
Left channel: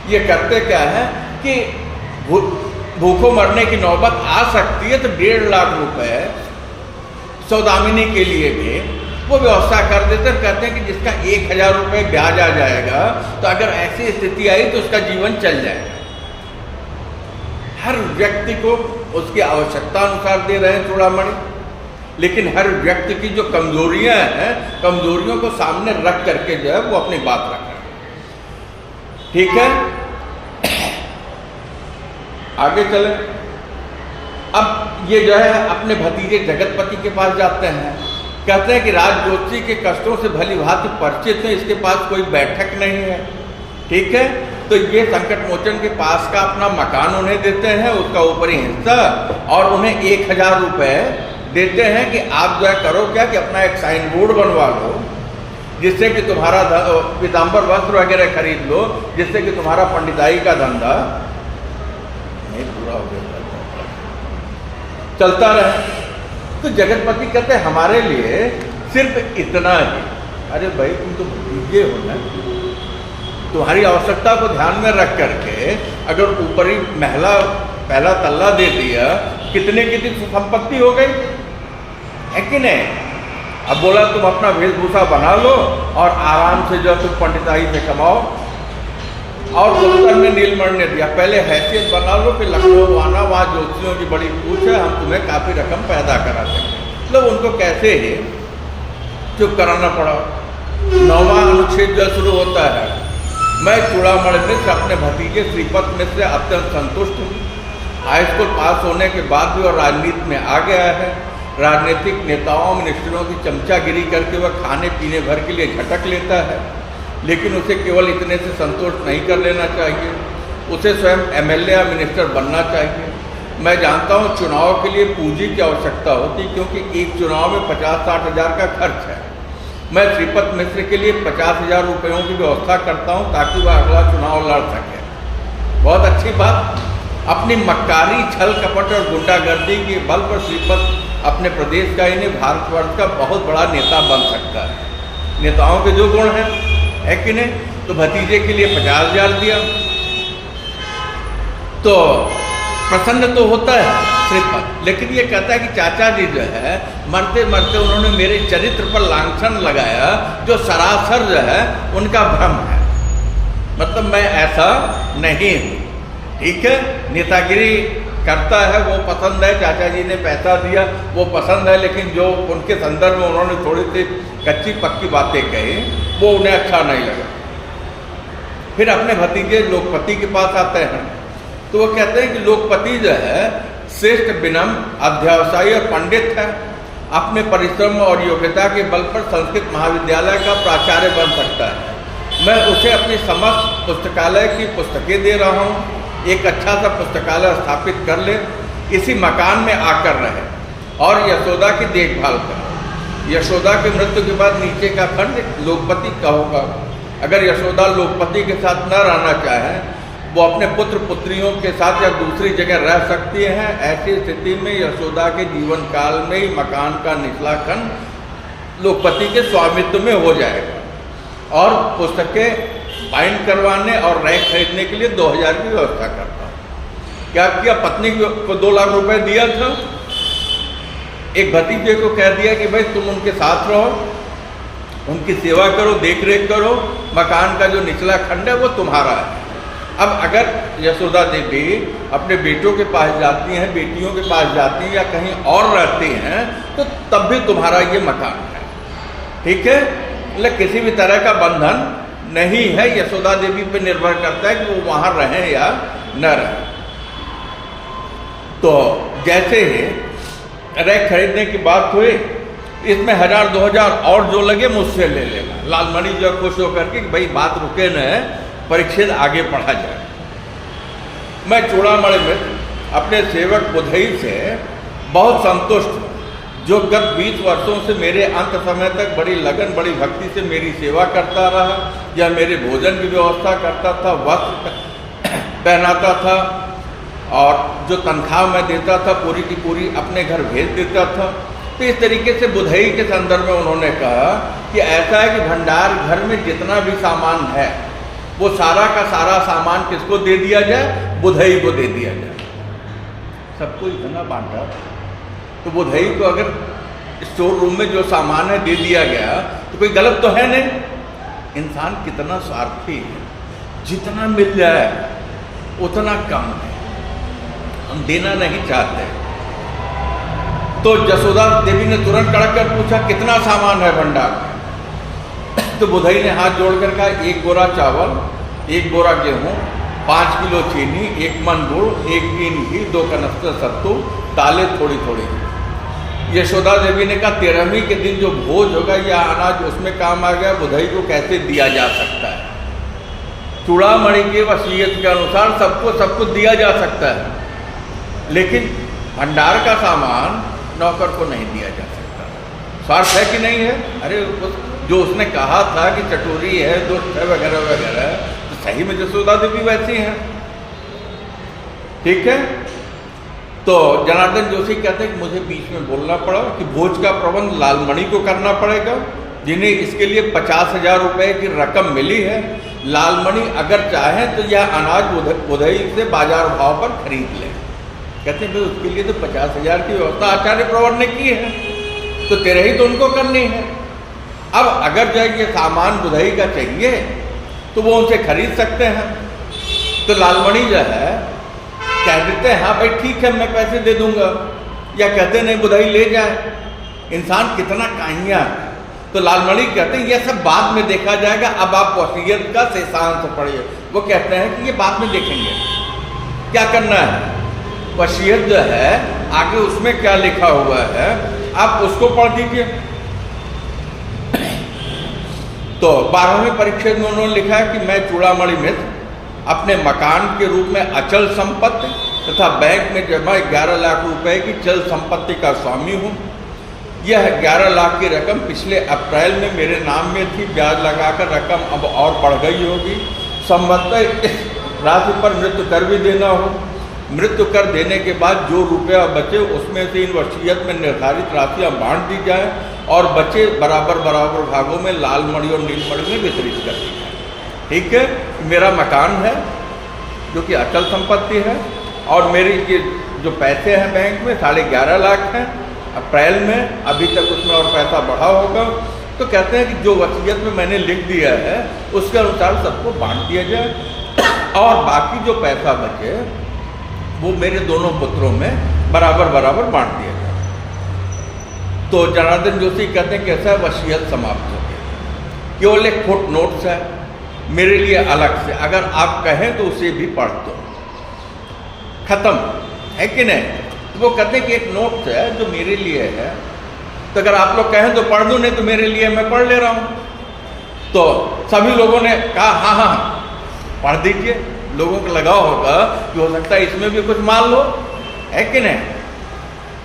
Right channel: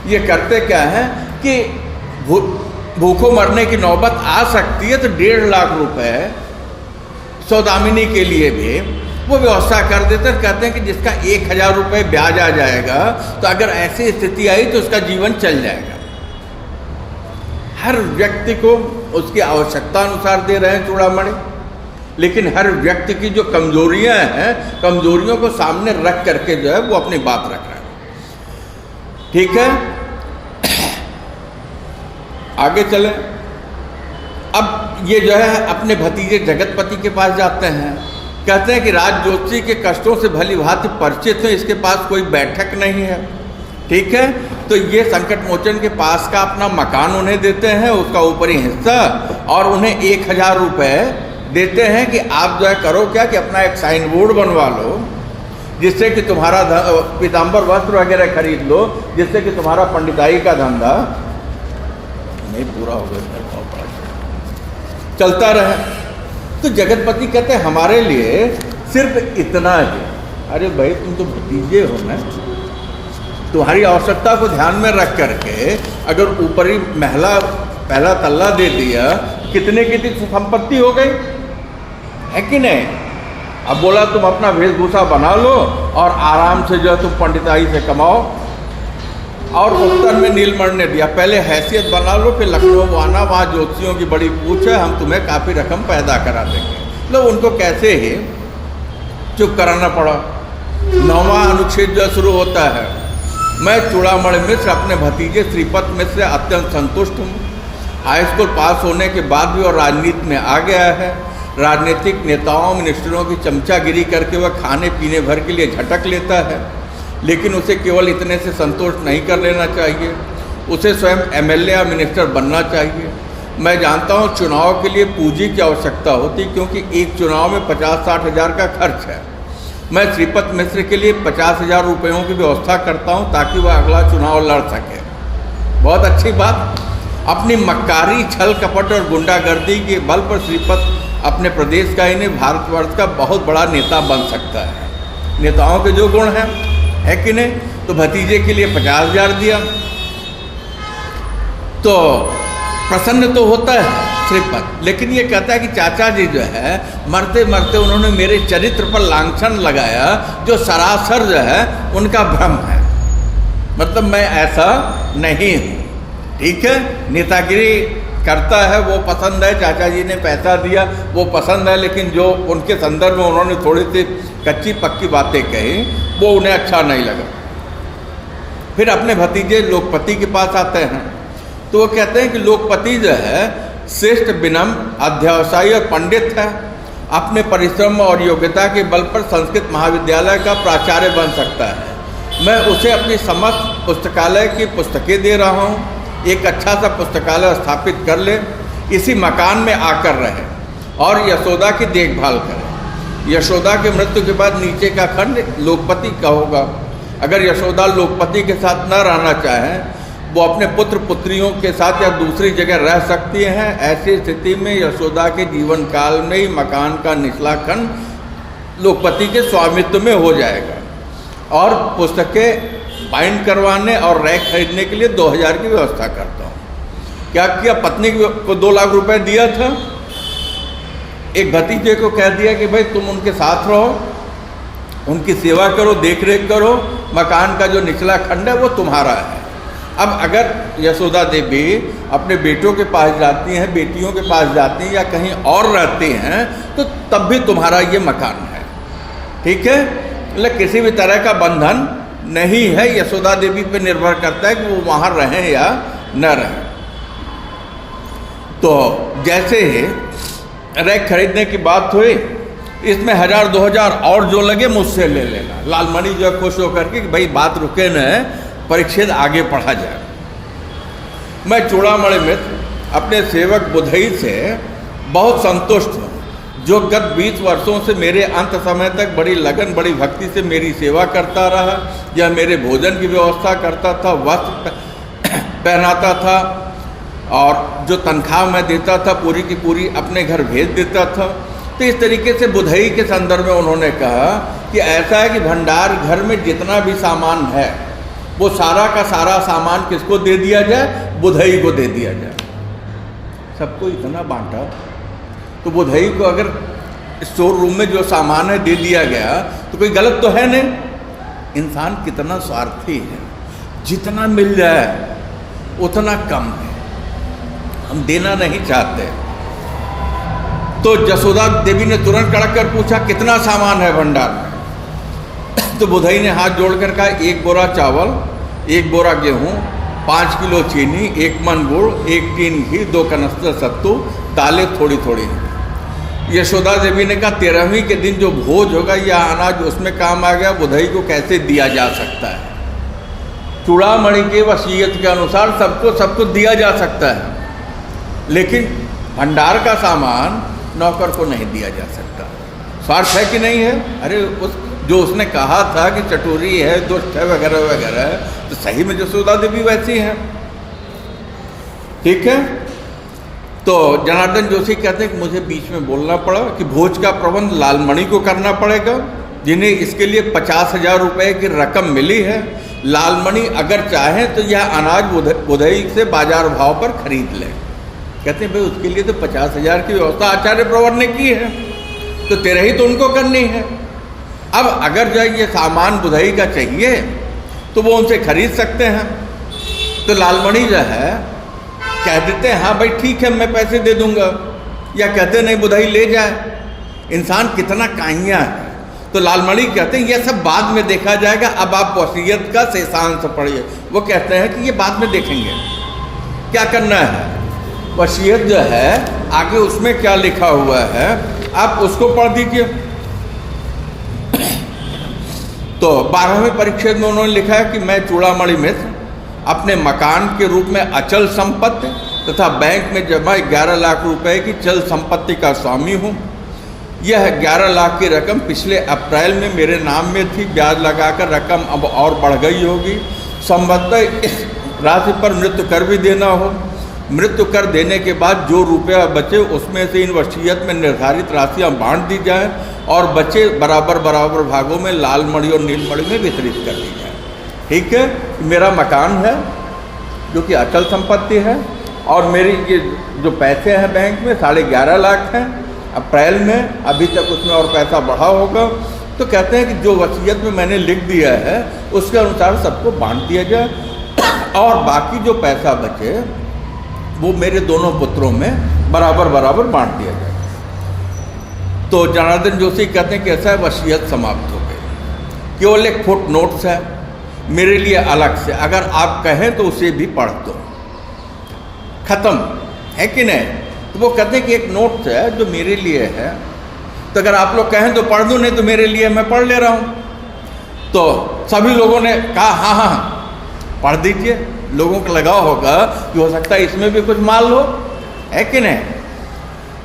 ये करते क्या है कि भूखों मरने की नौबत आ सकती है, तो 1.5 लाख रुपए सौदामिनी के लिए भी वो व्यवस्था कर देते, कहते हैं कि जिसका 1000 रुपये ब्याज आ जाएगा, तो अगर ऐसी स्थिति आई तो उसका जीवन चल जाएगा। हर व्यक्ति को उसकी आवश्यकता अनुसार दे रहे हैं चूड़ामणि, लेकिन हर व्यक्ति की जो कमजोरियां हैं, कमजोरियों को सामने रख करके जो है वो अपनी बात रख रहा है। ठीक है, आगे चले। अब ये जो है अपने भतीजे जगतपति के पास जाते हैं, कहते हैं कि राज जोशी के कष्टों से भली भांति परिचित है, इसके पास कोई बैठक नहीं है। ठीक है, तो ये संकट मोचन के पास का अपना मकान उन्हें देते हैं, उसका ऊपरी हिस्सा, और उन्हें 1000 रुपये देते हैं कि आप जो है करो क्या कि अपना एक साइन बोर्ड बनवा लो, जिससे कि तुम्हारा पीताम्बर वस्त्र वगैरह खरीद लो, जिससे कि तुम्हारा पंडिताई का धंधा नहीं पूरा हो चलता रहे। तो जगतपति कहते हैं हमारे लिए सिर्फ इतना ही। अरे भाई तुम तो भतीजे हो ना, तुम्हारी आवश्यकता को ध्यान में रख करके अगर ऊपरी महला पहला तल्ला दे दिया, कितने की संपत्ति हो गई, है कि नहीं? अब बोला तुम अपना वेशभूषा बना लो और आराम से जो तुम पंडिताई से कमाओ। और उत्तर में नीलमणि ने दिया, पहले हैसियत बना लो कि लखनऊ आना, वहाँ ज्योतिषियों की बड़ी पूछ है, हम तुम्हें काफ़ी रकम पैदा करा देंगे। मतलब उनको कैसे ही चुप कराना पड़ा। 9वां अनुच्छेद जो शुरू होता है, मैं चूड़ामणि मिश्र अपने भतीजे श्रीपत मिश्र से अत्यंत संतुष्ट हूँ। हाई स्कूल पास होने के बाद भी और राजनीति में आ गया है। राजनीतिक नेताओं मिनिस्टरों की चमचागिरी करके वह खाने पीने भर के लिए झटक लेता है, लेकिन उसे केवल इतने से संतुष्ट नहीं कर लेना चाहिए, उसे स्वयं एमएलए या मिनिस्टर बनना चाहिए। मैं जानता हूँ चुनाव के लिए पूंजी की आवश्यकता होती, क्योंकि एक चुनाव में 50-60 हज़ार का खर्च है। मैं श्रीपत मिश्र के लिए 50,000 रुपयों की व्यवस्था करता हूँ ताकि वह अगला चुनाव लड़ सके। बहुत अच्छी बात। अपनी मक्कारी, छल कपट और गुंडागर्दी के बल पर श्रीपत अपने प्रदेश का ही नहीं भारतवर्ष का बहुत बड़ा नेता बन सकता है। नेताओं के जो गुण हैं, है कि नहीं? तो भतीजे के लिए 50,000 दिया तो प्रसन्न तो होता है श्रीपत, लेकिन ये कहता है कि चाचा जी जो है मरते मरते उन्होंने मेरे चरित्र पर लांछन लगाया, जो सरासर जो है उनका भ्रम है। मतलब मैं ऐसा नहीं हूँ। ठीक है, नेतागिरी करता है वो पसंद है, चाचा जी ने पैसा दिया वो पसंद है, लेकिन जो उनके संदर्भ में उन्होंने थोड़ी सी कच्ची पक्की बातें कही वो उन्हें अच्छा नहीं लगा। फिर अपने भतीजे लोकपति के पास आते हैं तो वो कहते हैं कि लोकपति जो है श्रेष्ठ विनम्र, अध्यवसायी और पंडित है। अपने परिश्रम और योग्यता के बल पर संस्कृत महाविद्यालय का प्राचार्य बन सकता है। मैं उसे अपनी समस्त पुस्तकालय की पुस्तकें दे रहा हूँ। एक अच्छा सा पुस्तकालय स्थापित कर ले, इसी मकान में आकर रहे और यशोदा की देखभाल करे। यशोदा की मृत्यु के बाद नीचे का खंड लोकपति का होगा। अगर यशोदा लोकपति के साथ न रहना चाहें, वो अपने पुत्र पुत्रियों के साथ या दूसरी जगह रह सकती हैं। ऐसी स्थिति में यशोदा के जीवन काल में ही मकान का निचला खंड लोकपति के स्वामित्व में हो जाएगा और पुस्तकें बाइंड करवाने और रैक खरीदने के लिए 2,000 की व्यवस्था करता हूँ। क्या किया? पत्नी को 2 लाख रुपए दिया था। एक भतीजे को कह दिया कि भाई तुम उनके साथ रहो, उनकी सेवा करो, देख रेख करो, मकान का जो निचला खंड है वो तुम्हारा है। अब अगर यशोदा देवी अपने बेटों के पास जाती हैं, बेटियों के पास जाती हैं या कहीं और रहती हैं, तो तब भी तुम्हारा ये मकान है। ठीक है, मतलब किसी भी तरह का बंधन नहीं है। यशोदा देवी पे निर्भर करता है कि वो वहाँ रहें या न रहें। तो जैसे ही रैक खरीदने की बात हुई, इसमें 1,000-2,000 और जो लगे मुझसे ले लेना। लालमणि जो खुश होकर के कि भाई बात रुके न, परिच्छेद आगे पढ़ा जाए। मैं चूड़ामणि मिश्र अपने सेवक बुधई से बहुत संतुष्ट हूँ, जो गत 20 वर्षों से मेरे अंत समय तक बड़ी लगन, बड़ी भक्ति से मेरी सेवा करता रहा। यह मेरे भोजन की व्यवस्था करता था, वस्त्र पहनाता था और जो तनख्वाह मैं देता था पूरी की पूरी अपने घर भेज देता था। तो इस तरीके से बुधई के संदर्भ में उन्होंने कहा कि ऐसा है कि भंडार घर में जितना भी सामान है वो सारा का सारा सामान किसको दे दिया जाए? बुधई को दे दिया जाए। सबको इतना बांटा तो बुधई को अगर स्टोर रूम में जो सामान है दे दिया गया तो कोई गलत तो है नहीं। इंसान कितना स्वार्थी है, जितना मिल जाए उतना कम है, हम देना नहीं चाहते। तो यशोदा देवी ने तुरंत कड़क कर पूछा कितना सामान है भंडार में? तो बुधई ने हाथ जोड़कर कहा 1 बोरा चावल, 1 बोरा गेहूँ, 5 किलो चीनी, 1 मन गुड़, 1 टीन घी, 2 कनस्तर सत्तू, दालें थोड़ी थोड़ी। यशोदा देवी ने कहा 13वीं के दिन जो भोज होगा या अनाज उसमें काम आ गया, बुधई को कैसे दिया जा सकता है? चूड़ामणि के वसीयत के अनुसार सबको सब कुछ दिया जा सकता है, लेकिन भंडार का सामान नौकर को नहीं दिया जा सकता। स्वार्थ है कि नहीं है? अरे जो उसने कहा था कि चटोरी है, दुष्ट है, वगैरह वगैरह, तो सही में यशोदा देवी वैसी है। ठीक है, तो जनार्दन जोशी कहते हैं कि मुझे बीच में बोलना पड़ा कि भोज का प्रबंध लालमणि को करना पड़ेगा, जिन्हें इसके लिए 50,000 रुपये की रकम मिली है। लालमणि अगर चाहें तो यह अनाज बुधई से बाजार भाव पर खरीद लें। कहते हैं भाई उसके लिए तो 50,000 की व्यवस्था आचार्य प्रवर ने की है, तो 13 ही तो उनको करनी है। अब अगर जो ये सामान बुधई का चाहिए तो वो उनसे खरीद सकते हैं। तो लालमणि जो है कह देते हैं हाँ भाई ठीक है मैं पैसे दे दूंगा, या कहते नहीं बुधई ले जाए। इंसान कितना काइयाँ है, तो लालमणि कहते हैं ये सब बाद में देखा जाएगा, अब आप वसीयत का शेषांश पढ़िए। वो कहते हैं कि ये बाद में देखेंगे, क्या करना है। वसीयत जो है आगे उसमें क्या लिखा हुआ है आप उसको पढ़ दीजिए। तो 12वें परिच्छेद में उन्होंने लिखा है कि मैं चूड़ामणि मित्र अपने मकान के रूप में अचल संपत्ति तथा बैंक में जमा 11 लाख रुपए की चल संपत्ति का स्वामी हूँ। यह 11 लाख की रकम पिछले अप्रैल में मेरे नाम में थी, ब्याज लगाकर रकम अब और बढ़ गई होगी। संभवतः इस राशि पर मृत्यु कर भी देना हो। मृत्यु कर देने के बाद जो रुपया बचे उसमें से इन वसीयत में निर्धारित राशियाँ बांट दी जाए और बचे बराबर बराबर भागों में लालमणि और नीलमणि में वितरित कर दी जाए। ठीक है, मेरा मकान है जो कि अचल संपत्ति है और मेरी ये जो पैसे हैं बैंक में 11.5 लाख हैं। अप्रैल में अभी तक उसमें और पैसा बढ़ा होगा। तो कहते हैं कि जो वसीयत में मैंने लिख दिया है उसके अनुसार सबको बांट दिया जाए और बाकी जो पैसा बचे वो मेरे दोनों पुत्रों में बराबर बराबर बांट दिया जाए। तो जनार्दन जोशी कहते हैं कि ऐसा वसीयत समाप्त हो गई, केवल एक फुट नोट्स है मेरे लिए अलग से, अगर आप कहें तो उसे भी पढ़ दो, खत्म है कि नहीं। तो वो कहते हैं कि एक नोट है जो मेरे लिए है, तो अगर आप लोग कहें तो पढ़ दो, नहीं तो मेरे लिए मैं पढ़ ले रहा हूँ। तो सभी लोगों ने कहा हाँ हाँ हाँ पढ़ दीजिए। लोगों को लगा होगा कि हो सकता है इसमें भी कुछ मान लो, है कि नहीं।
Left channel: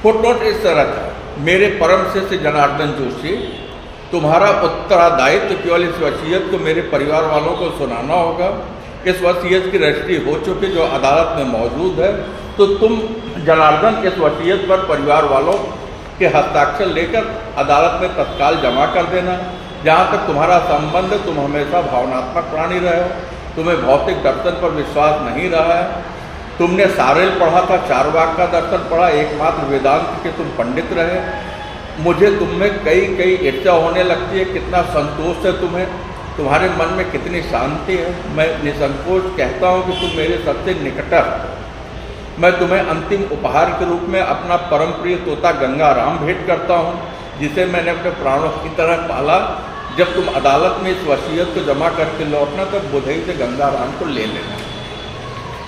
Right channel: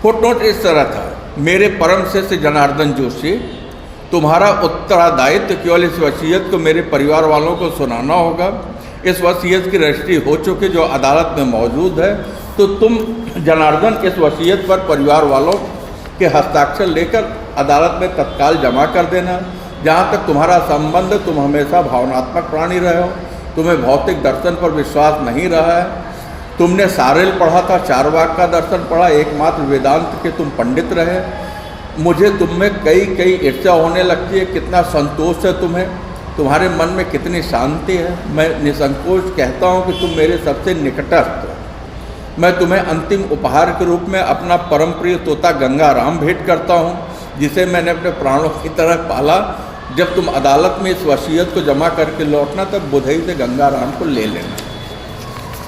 फुटनोट इस तरह था, मेरे परम शिष्य जनार्दन जोशी, तुम्हारा उत्तरदायित्व केवल इस वसीयत को मेरे परिवार वालों को सुनाना होगा। इस वसीयत की रजिस्ट्री हो चुकी जो अदालत में मौजूद है, तो तुम जनार्दन इस वसीयत पर परिवार वालों के हस्ताक्षर लेकर अदालत में तत्काल जमा कर देना। जहाँ तक तुम्हारा संबंध, तुम हमेशा भावनात्मक प्राणी रहे हो, तुम्हें भौतिक दर्शन पर विश्वास नहीं रहा है। तुमने सारेल पढ़ा था, चारवाक का दर्शन पढ़ा, एकमात्र वेदांत के तुम पंडित रहे। मुझे तुम में कई ईर्ष्या होने लगती है, कितना संतोष है तुम्हें, तुम्हारे मन में कितनी शांति है। मैं निसंकोच कहता हूँ कि तुम मेरे सबसे निकटस्थ हो। मैं तुम्हें अंतिम उपहार के रूप में अपना परम प्रिय तोता गंगाराम भेंट करता हूँ, जिसे मैंने अपने प्राणों की तरह पाला। जब तुम अदालत में इस वसीयत को जमा करके लौटना तब बुधई से गंगाराम को ले लेना।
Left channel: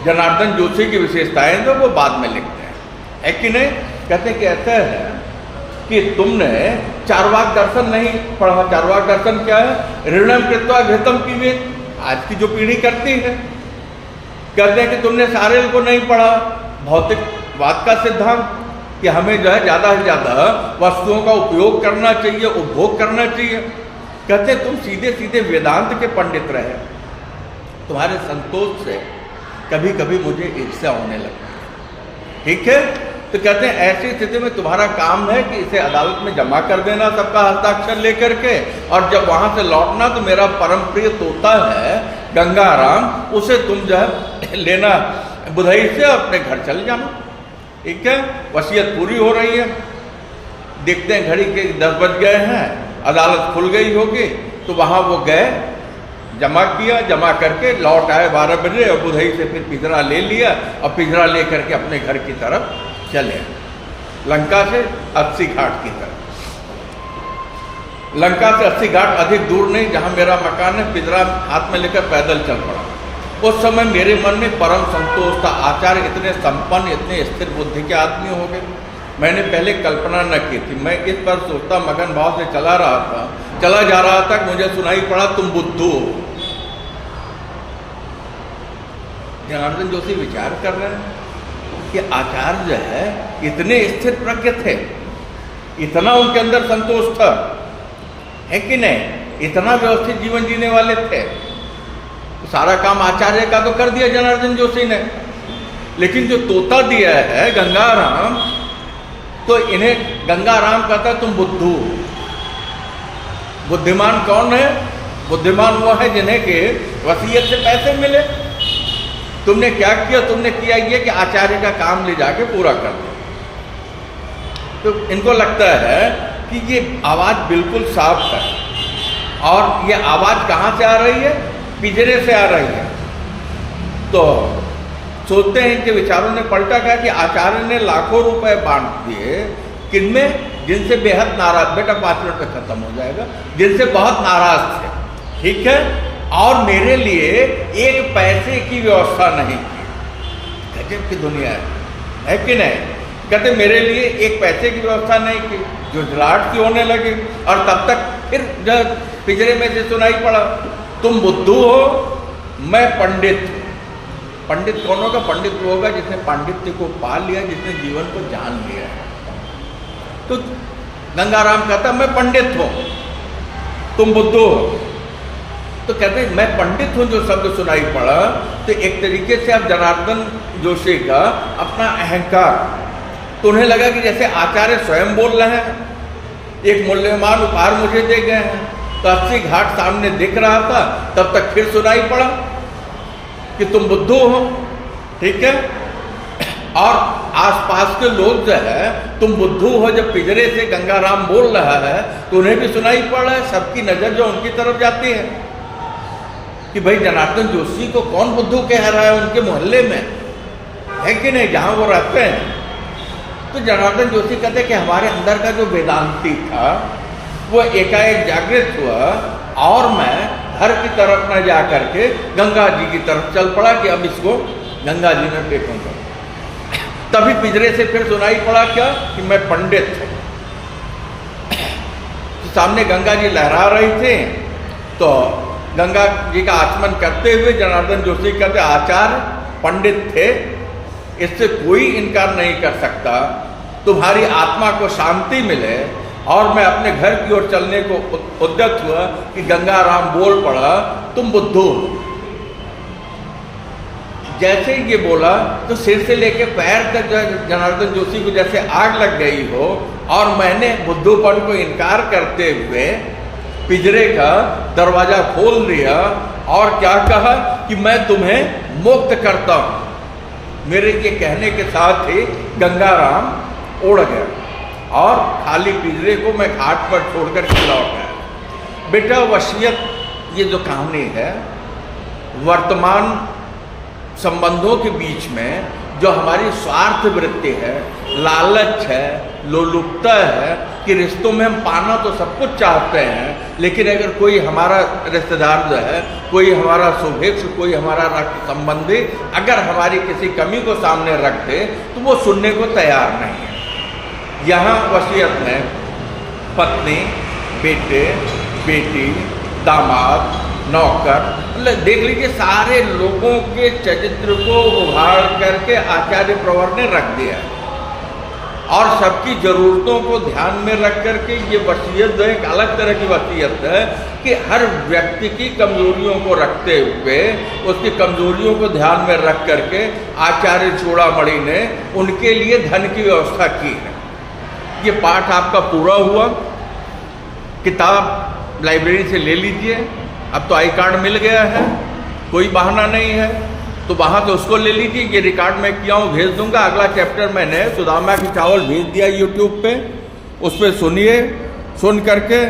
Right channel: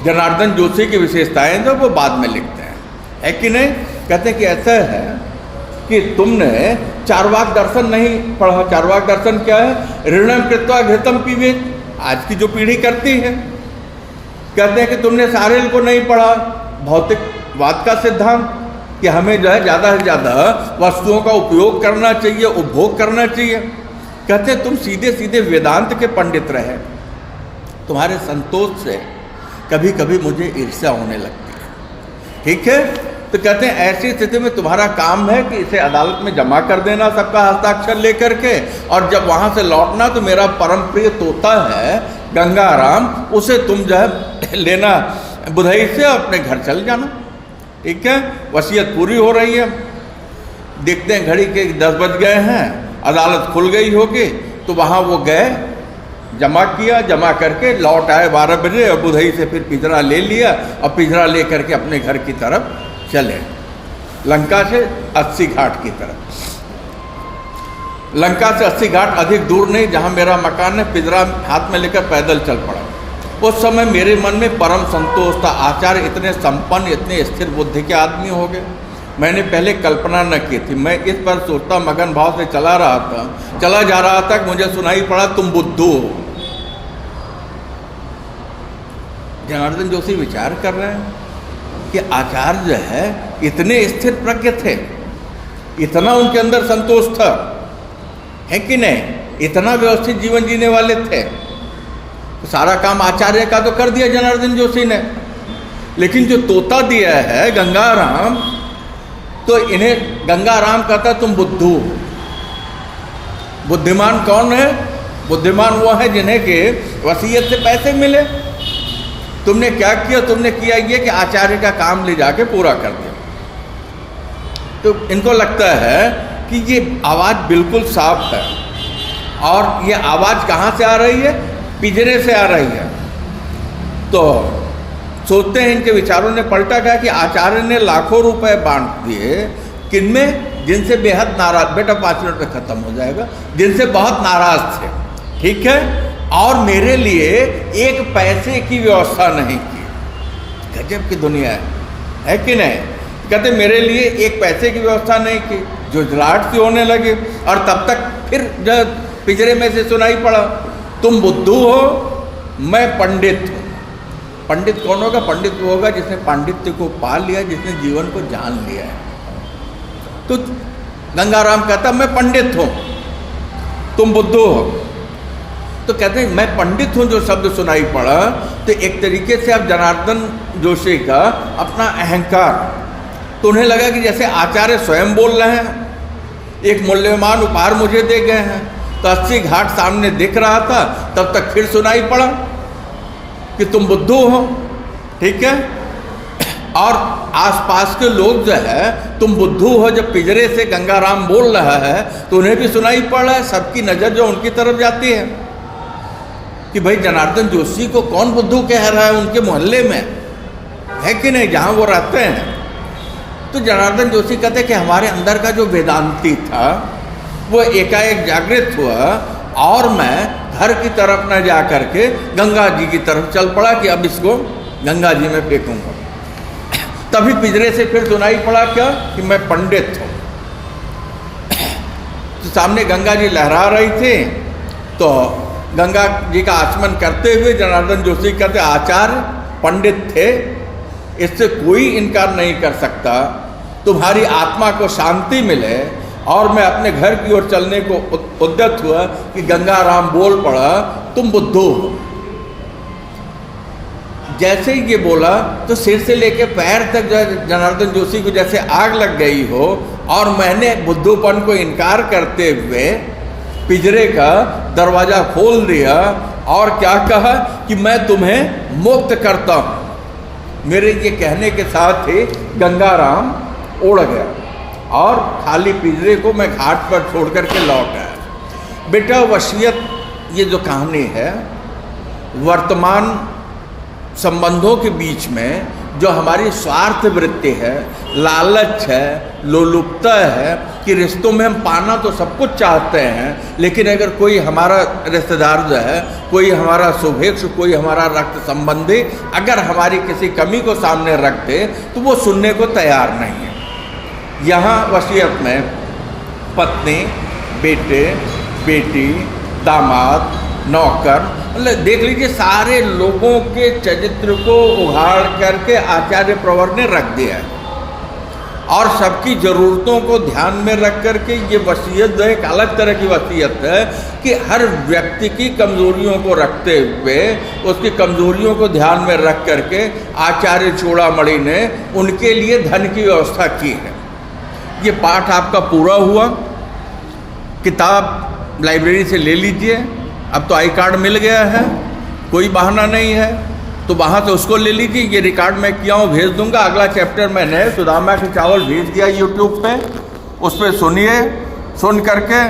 जनार्दन जोशी की विशेषताएं जो वो बाद में लिखते हैं, है कि नहीं। कहते हैं कि ऐसा है कि तुमने चारवाक दर्शन नहीं पढ़ा। चारवाक दर्शन क्या है? ऋणम कृत्वा घृतम पीबेत, आज की जो पीढ़ी करती है। कहते हैं कि तुमने सारेल को नहीं पढ़ा, भौतिकवाद का सिद्धांत कि हमें जो है ज़्यादा से ज़्यादा वस्तुओं का उपयोग करना चाहिए, उपभोग करना चाहिए। कहते हैं तुम सीधे सीधे वेदांत के पंडित रहे, तुम्हारे संतोष से कभी कभी मुझे ईर्ष्या होने लगती है। ठीक है, तो कहते हैं ऐसी स्थिति में तुम्हारा काम है कि इसे अदालत में जमा कर देना सबका हस्ताक्षर लेकर के, और जब वहाँ से लौटना तो मेरा परम प्रिय तोता है गंगाराम, उसे तुम जो है लेना बुधई से, अपने घर चल जाना। ठीक है, वसीयत पूरी हो रही है। देखते हैं घड़ी के 10 बज गए हैं, अदालत खुल गई होगी, तो वहाँ वो गए, जमा किया, जमा करके लौट आए 12 बजे और बुधई से फिर पिंजरा ले लिया और पिंजरा ले करके अपने घर की तरफ चले, लंका से 80 घाट की तरफ। लंका से 80 घाट अधिक दूर नहीं, जहाँ मेरा मकान है, पिंजरा हाथ में लेकर पैदल चल पड़ा। उस समय मेरे मन में परम संतोष था। आचार्य इतने संपन्न, इतने स्थिर बुद्धि के आदमी हो गए, मैंने पहले कल्पना न की थी। मैं इस पर सोचता मगन भाव से चला जा रहा था कि मुझे सुनाई पड़ा तुम बुद्धू हो। जनार्दन जोशी विचार कर रहे हैं कि आचार्य जो है इतने स्थिर प्रज्ञ थे, इतना उनके अंदर संतोष था, है कि नहीं, इतना व्यवस्थित जीवन जीने वाले थे। तो सारा काम आचार्य का तो कर दिया जनार्दन जोशी ने, लेकिन जो तोता दिया है गंगाराम, तो इन्हें गंगाराम कहता तुम बुद्धू। बुद्धिमान कौन है? बुद्धिमान वो है जिन्हें के वसीयत से पैसे मिले। तुमने क्या किया? तुमने किया ये कि आचार्य का काम ले जाके पूरा कर दिया। तो इनको लगता है कि ये आवाज़ बिल्कुल साफ है, और ये आवाज़ कहाँ से आ रही है? पिंजरे से आ रही है। तो सोचते हैं, इनके विचारों ने पलटा गया कि आचार्य ने लाखों रुपए बांट दिए, किनमें? जिनसे बेहद नाराज, बेटा 5 मिनट में खत्म हो जाएगा, जिनसे बहुत नाराज थे, ठीक है, और मेरे लिए 1 पैसे की व्यवस्था नहीं की। गजब की दुनिया है कि नहीं? कहते मेरे लिए 1 पैसे की व्यवस्था नहीं की, जो झलाट सी होने लगे। और तब तक फिर जब पिंजरे में से सुनाई पड़ा, तुम बुद्धू हो, मैं पंडित हूँ। पंडित कौन होगा? पंडित वो होगा जिसने पांडित्य को पा लिया, जिसने जीवन को जान लिया है। तो गंगाराम कहता मैं पंडित हूँ, तुम बुद्धू हो। तो कहते हैं मैं पंडित हूँ, जो शब्द सुनाई पड़ा, तो एक तरीके से अब जनार्दन जोशी का अपना अहंकार, तो उन्हें लगा कि जैसे आचार्य स्वयं बोल रहे हैं, एक मूल्यवान उपहार मुझे दे गए हैं। तो 80 घाट सामने दिख रहा था, तब तक फिर सुनाई पड़ा कि तुम बुद्धू हो, ठीक है, और आसपास के लोग जो है तुम बुद्धू हो, जब पिंजरे से गंगाराम बोल रहा है तो उन्हें भी सुनाई पड़ रहा है। सबकी नज़र जो उनकी तरफ जाती है कि भाई जनार्दन जोशी को कौन बुद्धू कह रहा है उनके मोहल्ले में, है कि नहीं, जहाँ वो रहते हैं। तो जनार्दन जोशी कहते कि हमारे अंदर का जो वेदांती था वो एकाएक जागृत हुआ, और मैं घर की तरफ न जा करके गंगा जी की तरफ चल पड़ा कि अब इसको गंगा जी में फेंकूंगा। तभी पिंजरे से फिर सुनाई पड़ा क्या कि मैं पंडित हूँ। तो सामने गंगा जी लहरा रही थी, तो गंगा जी का आचमन करते हुए जनार्दन जोशी कहते आचार्य पंडित थे, इससे कोई इनकार नहीं कर सकता। तुम्हारी आत्मा को शांति मिले, और मैं अपने घर की ओर चलने को उद्यत हुआ कि गंगाराम बोल पड़ा तुम बुद्धू हो। जैसे ही ये बोला तो सिर से लेके पैर तक जनार्दन जोशी को जैसे आग लग गई हो, और मैंने बुद्धूपन को इनकार करते हुए पिंजरे का दरवाजा खोल दिया और क्या कहा कि मैं तुम्हें मुक्त करता हूँ। मेरे ये कहने के साथ ही गंगाराम उड़ गया और खाली पिंजरे को मैं घाट पर छोड़ करके लौट आया। बेटा वसीयत, ये जो कहानी है, वर्तमान संबंधों के बीच में जो हमारी स्वार्थ वृत्ति है, लालच है, लोलुपता है कि रिश्तों में हम पाना तो सब कुछ चाहते हैं, लेकिन अगर कोई हमारा रिश्तेदार जो है, कोई हमारा शुभेच्छु, कोई हमारा रक्त संबंधी अगर हमारी किसी कमी को सामने रख दे तो वो सुनने को तैयार नहीं है। यहाँ वसीयत में पत्नी, बेटे, बेटी, दामाद, नौकर, मतलब देख लीजिए सारे लोगों के चरित्र को उभार करके आचार्य प्रवर ने रख दिया, और सबकी ज़रूरतों को ध्यान में रख करके ये वसीयत जो एक अलग तरह की वसीयत है कि हर व्यक्ति की कमजोरियों को रखते हुए, उसकी कमजोरियों को ध्यान में रख करके आचार्य चूड़ामणि ने उनके लिए धन की व्यवस्था की है। ये पाठ आपका पूरा हुआ। किताब लाइब्रेरी से ले लीजिए, अब तो आई कार्ड मिल गया है, कोई बहाना नहीं है, तो वहाँ से उसको ले लीजिए। ये रिकॉर्ड मैं किया हूँ, भेज दूंगा। अगला चैप्टर मैंने सुदामा की चावल भेज दिया यूट्यूब पे, उस पर सुनिए, सुन करके